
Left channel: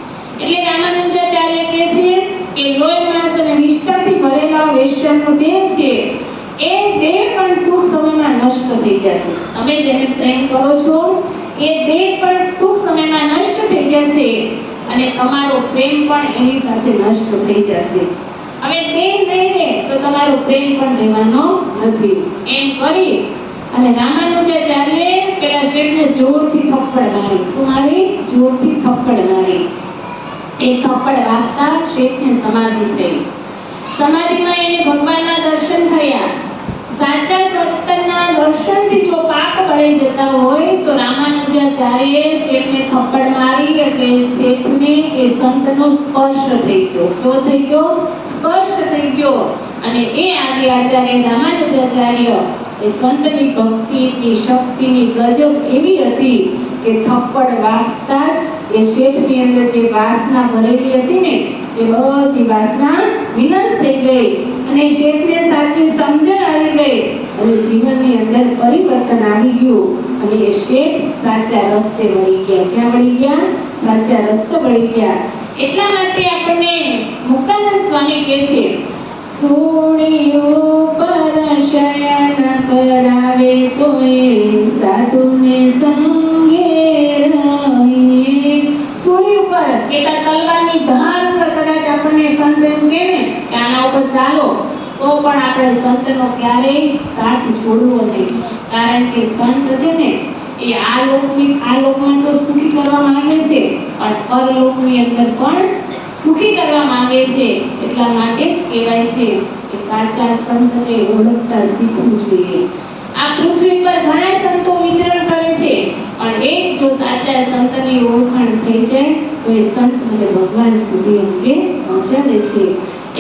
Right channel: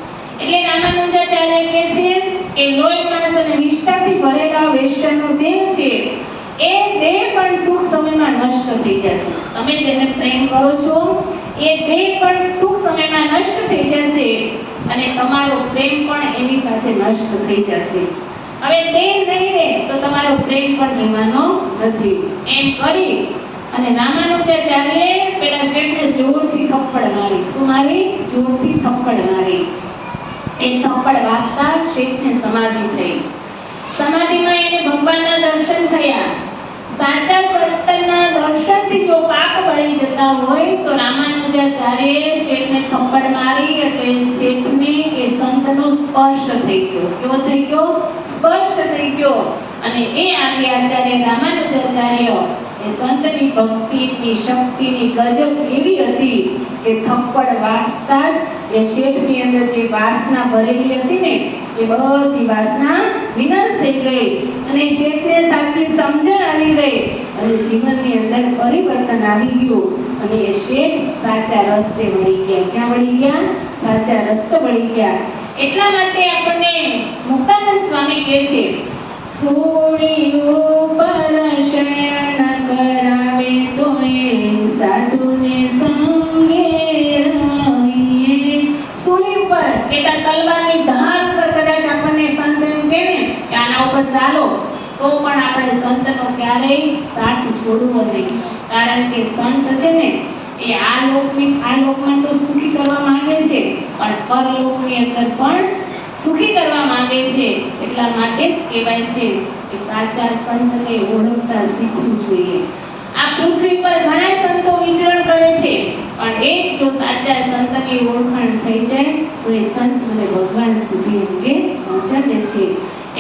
એટલે રામાનુજાચાર્ય કહે છે કે લોહી માંસ અને વિષ્ઠાથી ભરેલા વેશ્યાનો દેહ છે, એ દેહ પણ ટૂંક સમયમાં નષ્ટ થઈ જશે. તમે જેને પ્રેમ કરો છો એ દેહ પણ ટૂંક સમયમાં નષ્ટ થઈ જશે અને તમારો પ્રેમ પણ એની સાથે નષ્ટ થઈ જશે. હવે દેહ નહીં રહે તો તમારો પ્રેમ પણ રહેવાનો નથી. એમ કરી અને રામાનુજાચાર્યે પેલા શેઠને જોરથી થપ્પડ મારી. શું મારી? જોરથી થપ્પડ મારી. એ થપ્પડ વાગતા શેઠને સમાધિ થઈ. સમાધિમાં એને ભગવાનના દર્શન થયા. સાચા સંતના દર્શનથી જો પાપ બળી જતા હોય તો રામાનુજાચાર્યએ શેઠને થપ્પડ મારી એટલે શેઠને એ સંતનો સ્પર્શ થઈ ગયો. કેવો થઈ ગયો? સ્પર્શ થઈ ગયો. અને એ આદિ આચાર્ય રામાનુજાચાર્ય એ સંતની ભક્તિની શક્તિની ગજબ એવી હતી કે થપ્પડ વાગતા જ એ શેઠની અંદર જે વાસના ભરેલી હતી ને એ બધી વાસના વિનાશ થઈ ગઈ અને શેઠને સાચી સમજણ આવી ગઈ અને જીવનની અંદર પરિવર્તન આવી ગયું અને એ શેઠ સાચા રસ્તે વળી ગયા. ક્યાં વળી ગયા? સાચા રસ્તે વળી ગયા. એટલા માટે આપણને મુક્તાનંદ સ્વામી કહે છે, સોળીઓ પર શયન કરાવે તો એ સાધુને સંગે રહીએ. સોળી ઉપર કેતા તલવારની ધાર પર કદાચ આપણને સંત એમ કહે ને કે આના ઉપર ચાલો તો પણ આપણે સંતનો ક્યારેય સાથ છોડવો નહીં. કારણ કે સંત છે ને એ આ લોકમાં તો સુખી કરવા માંગે છે પણ પરલોકની અંદર પણ સુખી કરવા માંગે છે. એટલા માટે જ કહેવાય છે કે સાચા સંતને ઓળખતા શીખવું જોઈએ. આ પૃથ્વી પર ઘણા સંતો વિચરણ કરે છે પણ એક જો સાચા સંતની ઓળખાણ થઈ જાય તો એ સંત મને ભગવાન સુધી અંગે પહોંચાડે છે.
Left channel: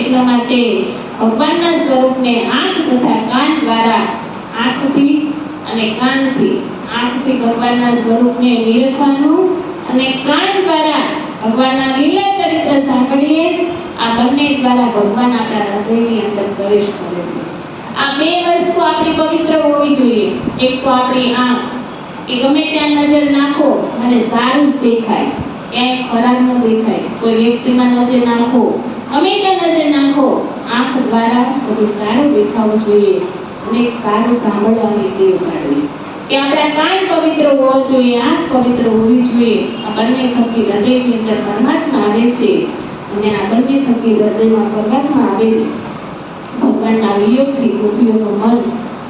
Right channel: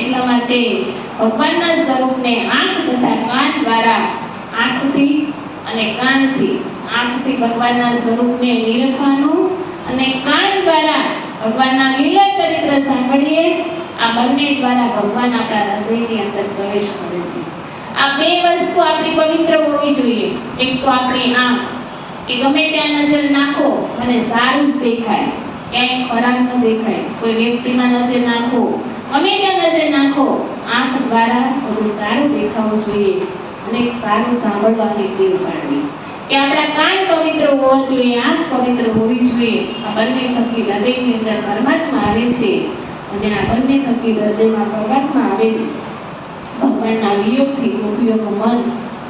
એટલા માટે ભગવાનના સ્વરૂપને આંખ તથા કાન દ્વારા, આંખથી અને કાનથી, આંખથી ભગવાનના સ્વરૂપને નિરખવાનું અને કાન દ્વારા ભગવાનના લીલા ચરિત્ર સાંભળીએ. આ બંને દ્વારા ભગવાન આપણા હૃદયની અંદર પ્રવેશ કરે છે. આ બે વસ્તુ આપણી પવિત્ર હોવી જોઈએ. એક તો આપણી આંખ, કે ગમે ત્યાં નજર નાખો મને સારું જ દેખાય, ક્યાંય ખરાબ ન દેખાય. કોઈ વ્યક્તિમાં નજર નાખો, ગમે ત્યાં નજર નાખો, આંખ દ્વારા બધું સારું દેખાવું જોઈએ અને સારું સાંભળવાની ટેવ પાડવી કે આપણા કાન પવિત્ર હોવો જોઈએ, આંખ પવિત્ર હોવી જોઈએ. આ બંને થકી હૃદયની અંદર પરમાત્મા આવે છે અને આ બંને થકી હૃદયમાં પરમાત્મા આવે. ભગવાનના વિયોગથી ગોપીઓનું મન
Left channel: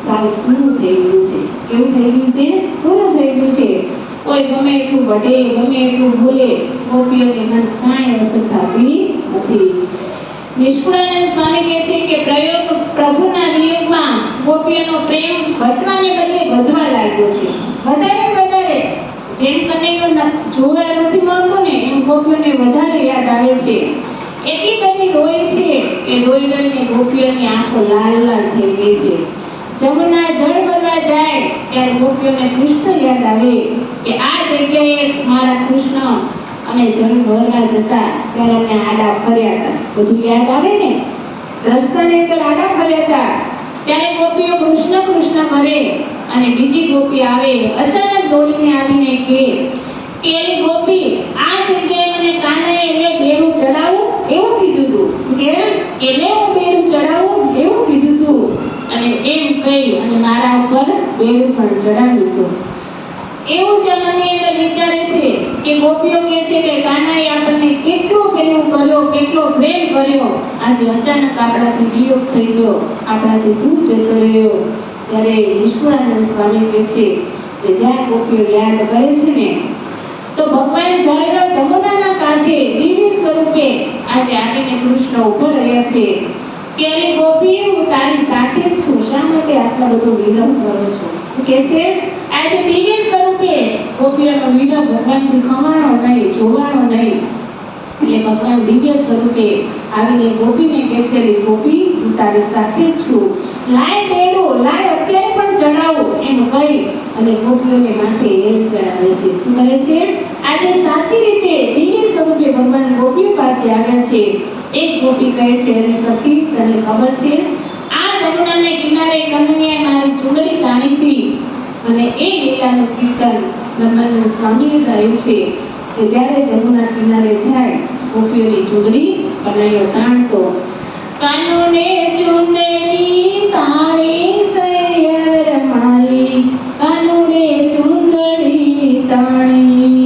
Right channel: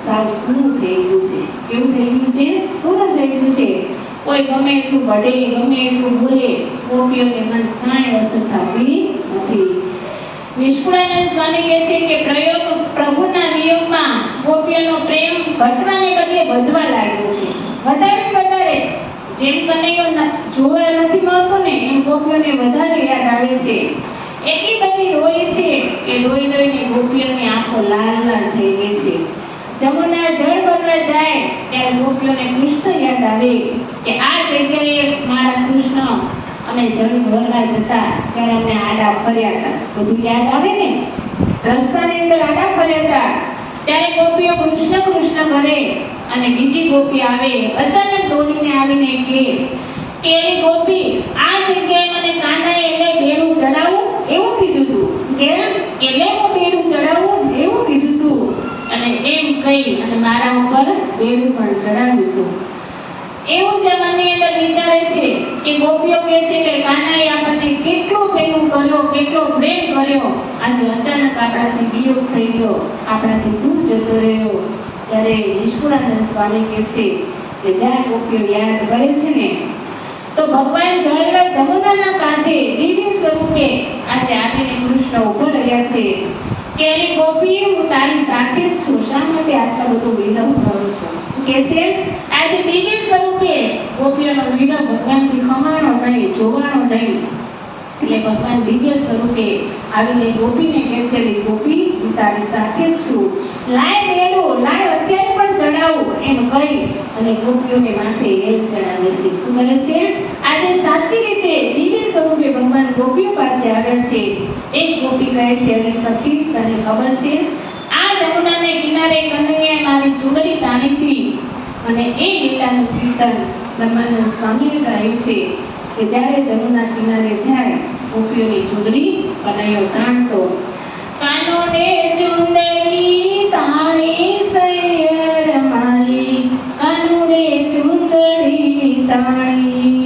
સાવ સૂનું થઈ ગયું છે. કેવું થઈ ગયું છે? સૂનું થઈ ગયું છે. કોઈ ગમે એટલું વઢે, ગમે એટલું બોલે, ગોપીઓને મન કાંઈ અસર થતી નથી. નિષ્કુળાનંદ સ્વામી કહે છે કે પ્રભુના વિયોગમાં ગોપીઓનો પ્રેમ ઘટવાને બદલે વધવા લાગ્યો છે. વધારે જેમ કનૈયો જોવા નથી મળતો ને એમ ગોપીઓને વધારે યાદ આવે છે. એટલી બધી રોઈ છે કે રોઈને ગોપીઓની આંખો લાલ લાલ થઈ ગઈ છે. જમુના જળ ભરવા જાય ત્યારે ગોપીઓને કૃષ્ણ યાદ આવે કે આ જગ્યાએ મારા કૃષ્ણ અમે જળ ભરવા જતા ત્યારે અમને આડા ફર્યા હતા. બધું યાદ આવે ને, રસ્તાની અંદર આડા ફર્યા હતા ત્યારે ગોપીઓ કૃષ્ણ કૃષ્ણ કરે અને બીજી ગોપી આવે અચાનક દોડીને આવીને કહે કે એ ગોપી આ જગ્યાએ મને કાનાએ એટલે બેડું ચડાવું એવું કીધું હતું. કે એટલે હું બેડું ચડાવું એવું કીધું હતું અને એમ કહી અને મારા ઉપર બેડું પણ ચડાવ્યું હતું. એવું જ મનની અંદર વિચારે છે કે ગોપીઓ કહે છે કે કાનાએ આપણને કેટલો પ્રેમ કર્યો, કેટલો પ્રેમ કર્યો, આજે અચાનક આપણાથી વિયોગ થઈ ગયો, આપણાથી દૂર જતો રહ્યો. ત્યારે નિષ્કુળાનંદ સ્વામી કહે છે કે જ્યાં ગોપીઓ યાદ કરે છે ને તો ભગવાન જળના જમુનાના કાંઠે દિવ્ય સ્વરૂપે આજે આવીને કૃષ્ણ ઉભો રહ્યા છે કે એ ગોપી હું તારી સાથે જ છું, શા માટે આટલો બધો વિલંબ કરો છો? કે છે આજે દિવ્ય સ્વરૂપે ગોપીઓનો વિલંબ ભગવાનથી ખમાણો નહીં, જોવાનો નહીં. એટલે ભગવાન દિવ્ય સ્વરૂપે આવીને ગોપીને કહે છે ગોપી હું તારી સાથે જ છું, લાય બેડું, લાય અત્યારે પણ ચડાવું એમ કહી અને ગોપીઓને માથે એમ ચડાવે છે. શું કરે છે? આજે સાચી રીતે દિવ્ય સ્વરૂપે ભગવાન ગોપીઓ પાસે આવ્યા છે. એક ગોપી કહે છે અરે સખી તને ખબર છે આ જમુનાને કિનારે કનૈયાએ મારી ચુંદડી તાણી હતી અને એ લીલાનું કીર્તન બ્રહ્માનંદ સ્વામીએ ગાયું છે કે જ્યારે જમુના કિનારે જાય ગોપીઓની ચુંદડી કનૈયો તાણતો. કાનોને ચુંદડી તાણી સૈયર મારી, કાનોને ચુંદડી તાણી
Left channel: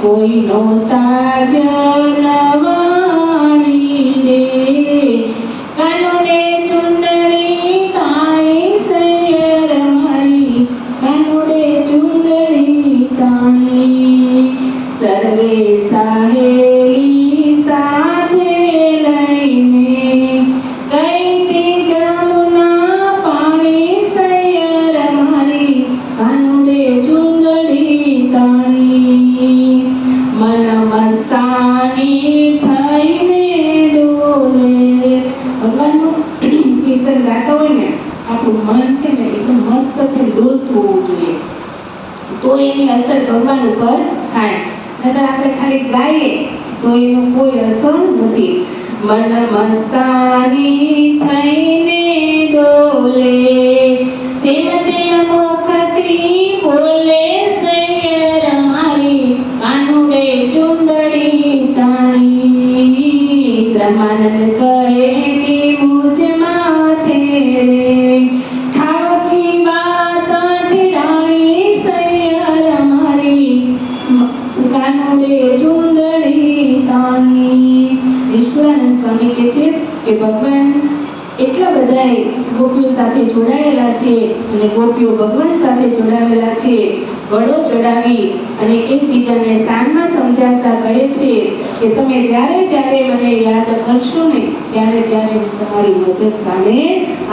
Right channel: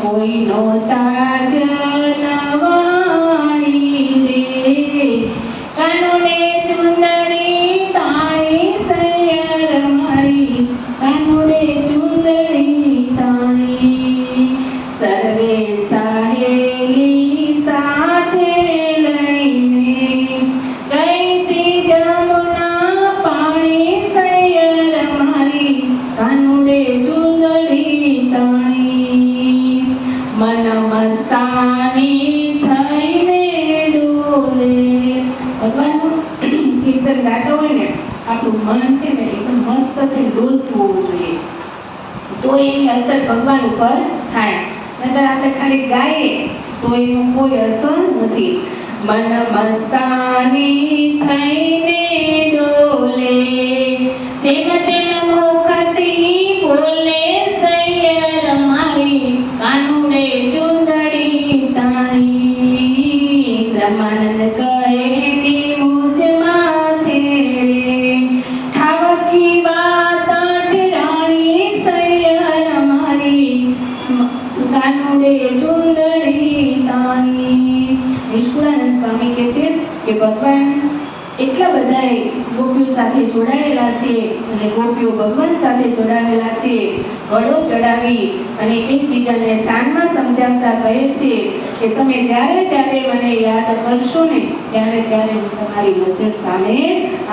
કોઈનો તાજ નવાણી દે. કાનોને ચુંદડી તાણી સૈયર મારી, કાનોને ચુંદડી તાણી સર્વે સાહેલી સાથે લઈને ગઈ તી જમુના પાણી સૈયર મારી, કાનોને ચુંદડી તાણી મન મસ્તાની થઈને ડોલે. ભગવાનનું કીર્તન ગાતો હોય ને આપણું મન છે ને એકદમ મસ્ત થઈને ડોલતું હોવું જોઈએ તો એની અસર ભગવાન ઉપર થાય. નહીતર આપણે ખાલી ગાઈએ તો એનો કોઈ અર્થ નથી. મન મસ્તાની થઈને ડોલે જેમ તેમ મુખથી બોલે સૈયર મારી, કાનુડે ચુંદડી તાણી. બ્રહ્માનંદ કહે કે મુજ માથે રે ઠાવકી વાત ઠીડાણી સૈયર મારી, કાનુડે ચુંદડી તાણી. નિષ્કુળાનંદ સ્વામી કહે છે કે ભગવાન એટલા બધા ગોપીઓ સાથે જોડાયેલા છે અને ગોપીઓ ભગવાન સાથે જોડાયેલા છે. વડો ચડાવી અને એકબીજાને સામમાં સમજાવતા કહે છે કે તમે જ્યારે જ્યારે મને યાદ કરશો ને ત્યારે ત્યારે હું તમારી નજર સામે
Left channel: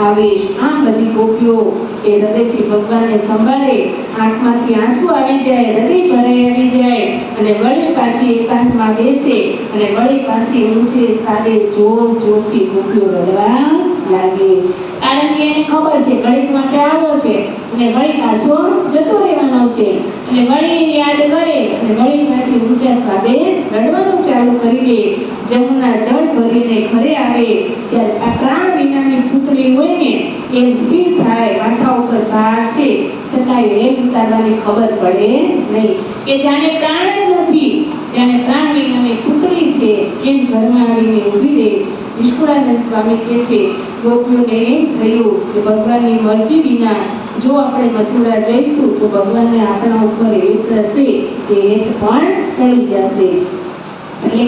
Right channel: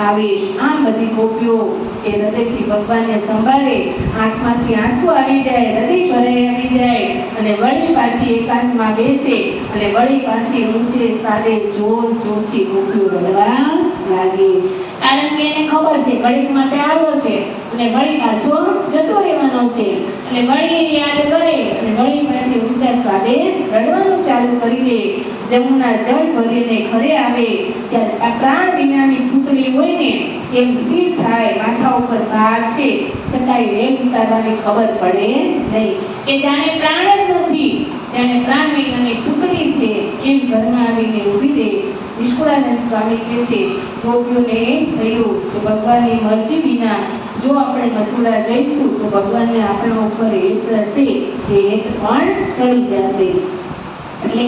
આવીશ. આમ બધી ગોપીઓ એ હૃદયથી ભગવાનને સંભાળે, આંખમાંથી આંસુ આવી જાય, હૃદય ભરાઈ આવી જાય અને વળી પાછી એકાંતમાં બેસે અને વળી પાછી ઊંચે સાદે જોર જોરથી ગોપીઓ રડવા લાગે. કારણ કે એને ખબર છે ઘડીક માટે આવ્યો છે અને વળી પાછો જતો રહેવાનો છે અને વળી યાદ કરે અને વળી પાછી ઊંચા સ્વાદે રડવાનું ચાલુ કરી દે. જમુના જળ ભરીને ઘરે આવે ત્યારે આ પ્રાણ વિનાની પુતળી હોય ને એમ સ્થિર થાય, માથા ઉપર ભાર છે છતાંય વેગ ઉતારવાની ખબર પડે નહીં કે જાણે પ્રાણ જ નથી, જાણે પ્રાણ વિનાની પુતળી છે એમ ઘરમાં આવીને ઊભી રહે. નિષ્કુળાનંદ સ્વામી કહે છે ગોપીઓને એમ થયું કે ભગવાનની મરજી વિના જો આપણે મથુરા જઈશું તો ભગવાનને આપણા ઉપર હેત હશે તે હેત પણ ટળી જશે. એટલે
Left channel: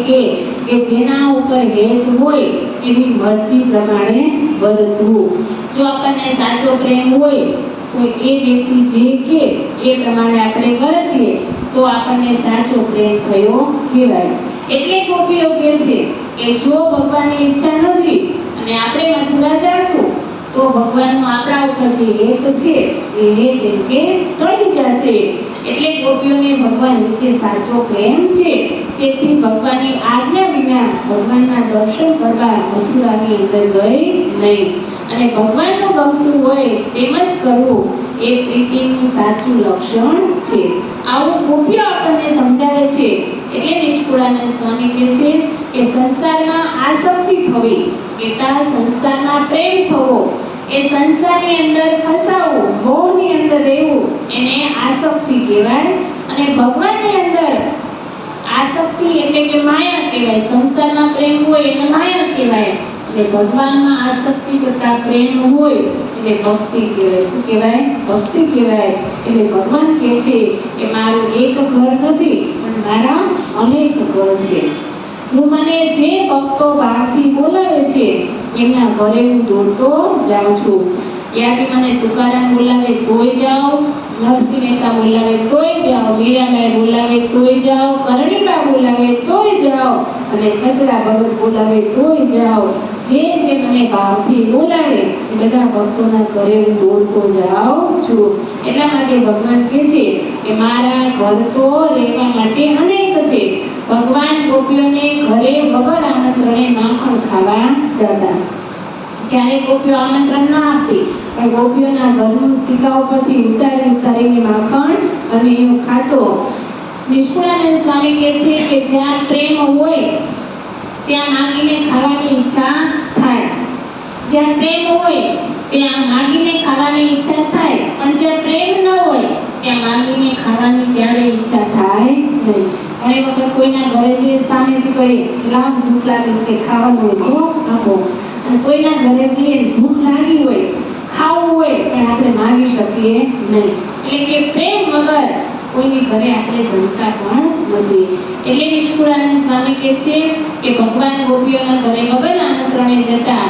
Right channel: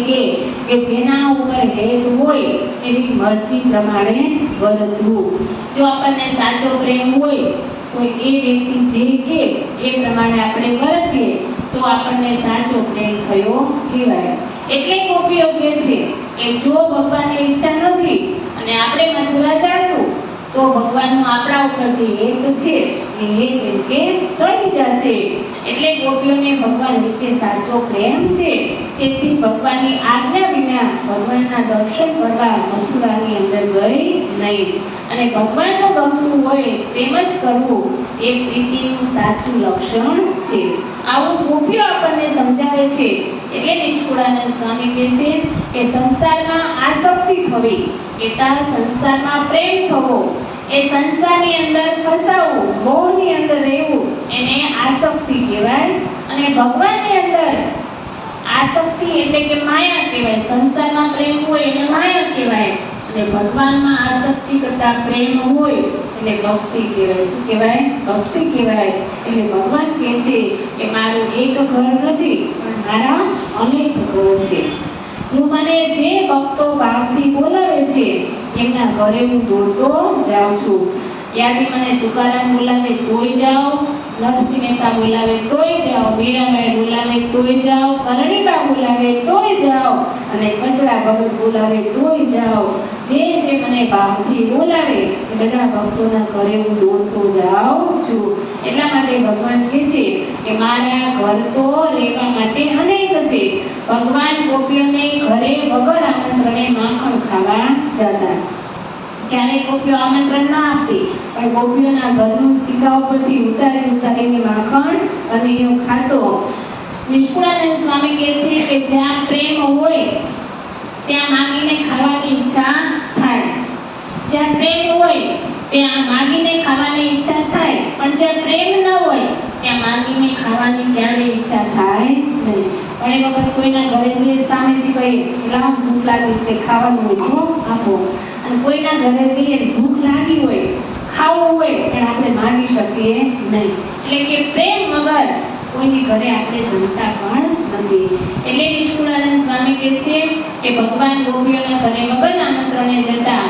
કે જેના ઉપર હેત હોય એની મરજી પ્રમાણે વર્તવું. જો આપણને સાચો પ્રેમ હોય તો એ વ્યક્તિ જે કે એ પ્રમાણે આપણે વર્તીએ તો આપણને સાચો પ્રેમ થયો કહેવાય. એટલે ગોપીઓ કહે છે કે જો ભગવાનની ઈચ્છા નથી અને આપણે મથુરા જાશું તો ભગવાનનો આપણા ઉપર જે હેત છે એ હેત એમ કે ટળી જશે. એટલે ગોપીઓને ભગવાન નીચે સાચો પ્રેમ છે, તેથી ભગવાનની આજ્ઞા વિના ભગવાનના દર્શન કરવા મથુરાની અંદર ગઈ નહીં. અને ભગવાનનું ગમતું હોય તેમ જ કરવું એ પ્રીતિનું સાચું લક્ષણ છે. આવું ગોપીઓ આપણને સમજાવે છે. એટલે નિષ્કુળાનંદ સ્વામી કહે છે કે સંસારમાં આસક્તિ થવી, એટલે સંસારમાં પ્રેમ થવો, એ સંસારની અંદર ફસાવું, મોહની અંદર રહેવું એને આસક્તિ કહેવાય. અને ભગવાનની અંદર આસક્તિ એટલે કે માયા કહેવાય. સંસારમાં પ્રેમ હોય એને માયા કહેવાય અને ભગવાનમાં આસક્તિ કરતા પ્રેમ હોય એટલે ભક્તિ કહેવાય. શું કહેવાય? ભક્તિ કહેવાય. એટલે ભગવાન કહે છે કે મારું એક ઘર નથી પણ મારા અનેક ઘર છે. મને જે ભક્તો બહારથી બોલાવે છે એમના ઘરે હું દોડતો જાઉં છું. ત્યાંથી મને તુકારામ બોલાવે તોય જાઓ, નરસિંહ મહેતા બોલાવે તોય જાઓ, મીરાબાઈ બોલાવે તોય જાઓ, કરણીબા બોલાવે તોય જાઓ અને કચરા ભગત બોલાવે તોય જાઓ. જે મને ભાવથી બોલાવે એ બધા ભક્તોના ઘરે હું દોડતો જાઉં છું. એટલા માટે ભગવાન કહે છે કે મારા ઘર તો રહેવા માટે અનેક છે. ભગવાન ગોપીઓને ઘરે વગર આમંત્રણે માખણ ખાવા જતા. ક્યારેક ગોપીઓ આમંત્રણ ન આપતી પણ ગોપીઓના ઘરનું સિક્કા ઉપરથી ઉતારીને માખણ અને એવું ખાતો. નિષ્કુળાનંદ સ્વામી કહે છે કે જ્યાં પ્રેમ હોય ત્યાં માંગીને ખાવાની ઈચ્છા થાય. જ્યાં પ્રેમ હોય ત્યાં માંગીને ખાવાની ઈચ્છા થાય, પણ જ્યાં પ્રેમ ન હોય ત્યાં માંગીને ખાવાની ક્યારેય ઈચ્છા થાય નહીં. ઘણી વખત કોઈના ઘરે જે સામેથી કહીએ લાવ ભૂખ લાગી છે ખાવાનું હોય તો આપો, અને કોઈના ઘરે જઈએ ભૂખ લાગી હોય ખાવું હોય પણ આપણે માંગી શકીએ નહીં. એટલે કે પ્રેમ વગર કોઈની ઘરે આપણે જમતા પણ નથી. એટલે નિષ્કુળાનંદ સ્વામી કહે છે કે ભગવાન ગોપીઓના ઘરે વગર આમંત્રણે જતા.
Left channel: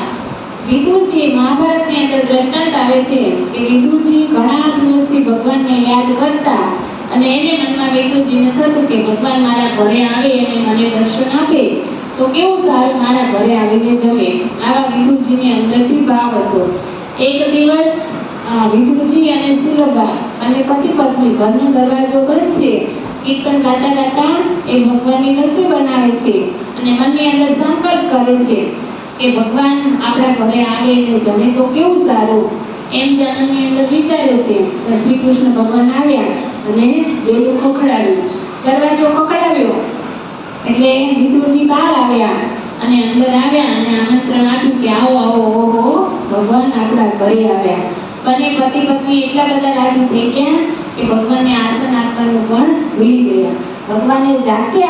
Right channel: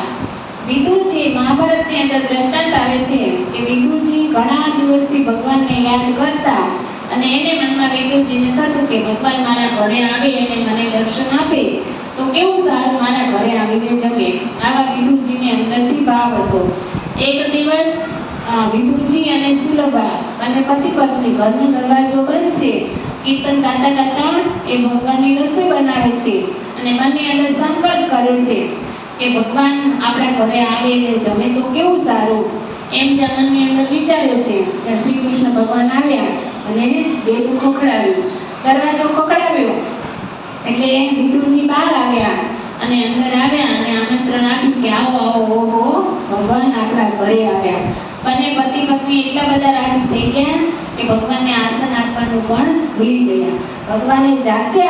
વિદુરજી મહાભારતની અંદર દ્રષ્ટાંત આવે છે કે વિદુરજી ઘણા દિવસથી ભગવાનને યાદ કરતા અને એને મનમાં વિદુરજીને થતું કે ભગવાન મારા ઘરે આવે અને મને દર્શન આપે તો કેવું સારું, મારા ઘરે આવીને જમે. આવા વિદુરજીને અંદરથી ભાવ હતો. એક દિવસ વિદુરજી અને સુલભા અને પતિ પત્ની ઘરનો દરવાજો બંધ છે, કીર્તન ગાતા ગાતા એ ભગવાનની રસોઈ બનાવે છે અને મનની અંદર સંકલ્પ કરે છે કે ભગવાન આપણા ઘરે આવે અને જમે તો કેવું સારું. એમ જે મનની અંદર વિચારે છે કે શ્રી કૃષ્ણ ભગવાન આવ્યા અને બેડું ખખડાવ્યું, દરવાજો ખખડાવ્યો એટલે વિદુરજી બહાર આવ્યા અને અંદર આવ્યા અને આમંત્રણ આપ્યું કે આવો આવો, ઓહો ભગવાન આપણા ઘરે આવ્યા. બંને પતિ પત્ની એટલા બધા રાજી થઈ ગયા કે ભગવાનને આસન આપવાનું પણ ભૂલી ગયા. ભગવાને જાતે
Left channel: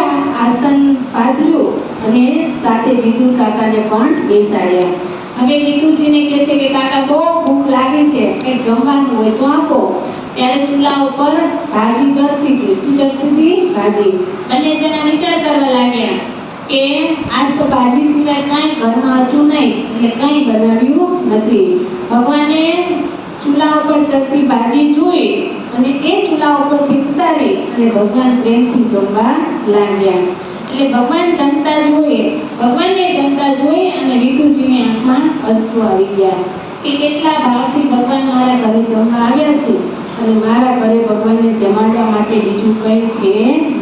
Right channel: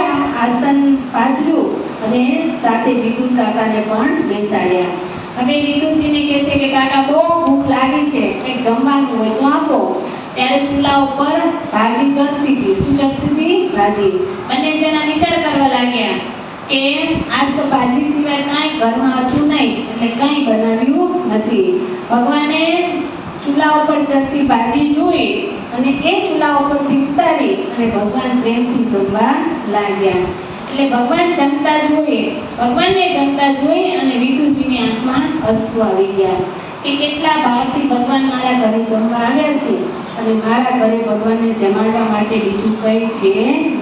આસન પાથર્યું અને સાથે વિદુર કાકાને પણ બેસાડ્યા. હવે વિદુરજીને કહે છે કે કાકા બહુ ભૂખ લાગી છે, કંઈક જમવાનું હોય તો આપો. ત્યારે ચૂલા ઉપર ભાજી ચડતી હતી. શું ચડતી હતી? ભાજી. બંને જણા વિચાર કરવા લાગ્યા કે આજ તો ભાજી સિવાય કાંઈ ઘરમાં હતું નહીં એટલે કાંઈ બનાવ્યું નથી. ભગવાને ચૂલા ઉપર ચડતી ભાજી જોઈ અને એ ચૂલા ઉપરથી ઉતારી અને ભગવાન પ્રેમથી જમવા લાગ્યા. એટલે ભગવાન જમતા જોઈએ, ભગવાનને જમતા જોઈ અને વિદુરજીની આંખમાં અશ્રુ આવી ગયા કે કેટલા ભાવથી ભગવાન મારા ઘરે જમવા આવ્યા છે અને મારા ઘરે ભગવાનને જમાડવા માટે બીજું કંઈ છે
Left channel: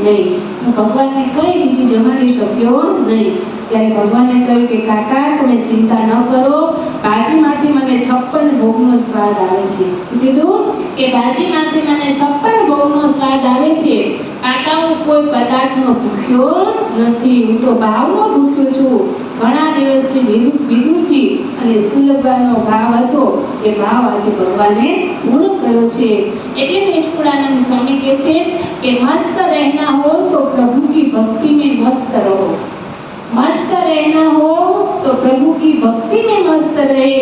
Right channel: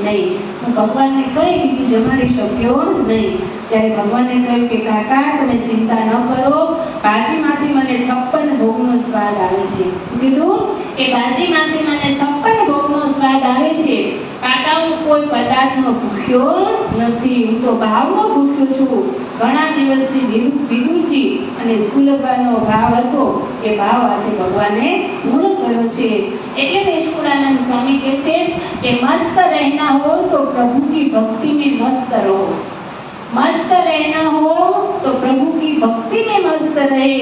નહીં. હું ભગવાનને કંઈ બીજું જમાડી શક્યો નહીં. ત્યારે ભગવાને કહ્યું કે કાકા તમે ચિંતા ન કરો, ભાજીમાંથી મને 56 ભોગનો સ્વાદ આવે છે. શું કીધું? કે ભાજીમાંથી મને 56 ભોગનો સ્વાદ આવે છે. કાકા હું કોઈ પદાર્થનો ભૂખ્યો નથી, હું તો ભાવનો ભૂખ્યો છું. ઘણા દિવસથી વિદુરજી અને સુલભાનો ભાવ હતો એ ભાવ આજે ભગવાને પૂરો કર્યો છે. એટલે નિષ્કુળાનંદ સ્વામી કહે છે કે મસ્ત રહેના હો તો પ્રભુ કી ભક્તિ में मस्त रहो. मस्त रहना हो तो प्रभु की भक्ति में मस्त रहे,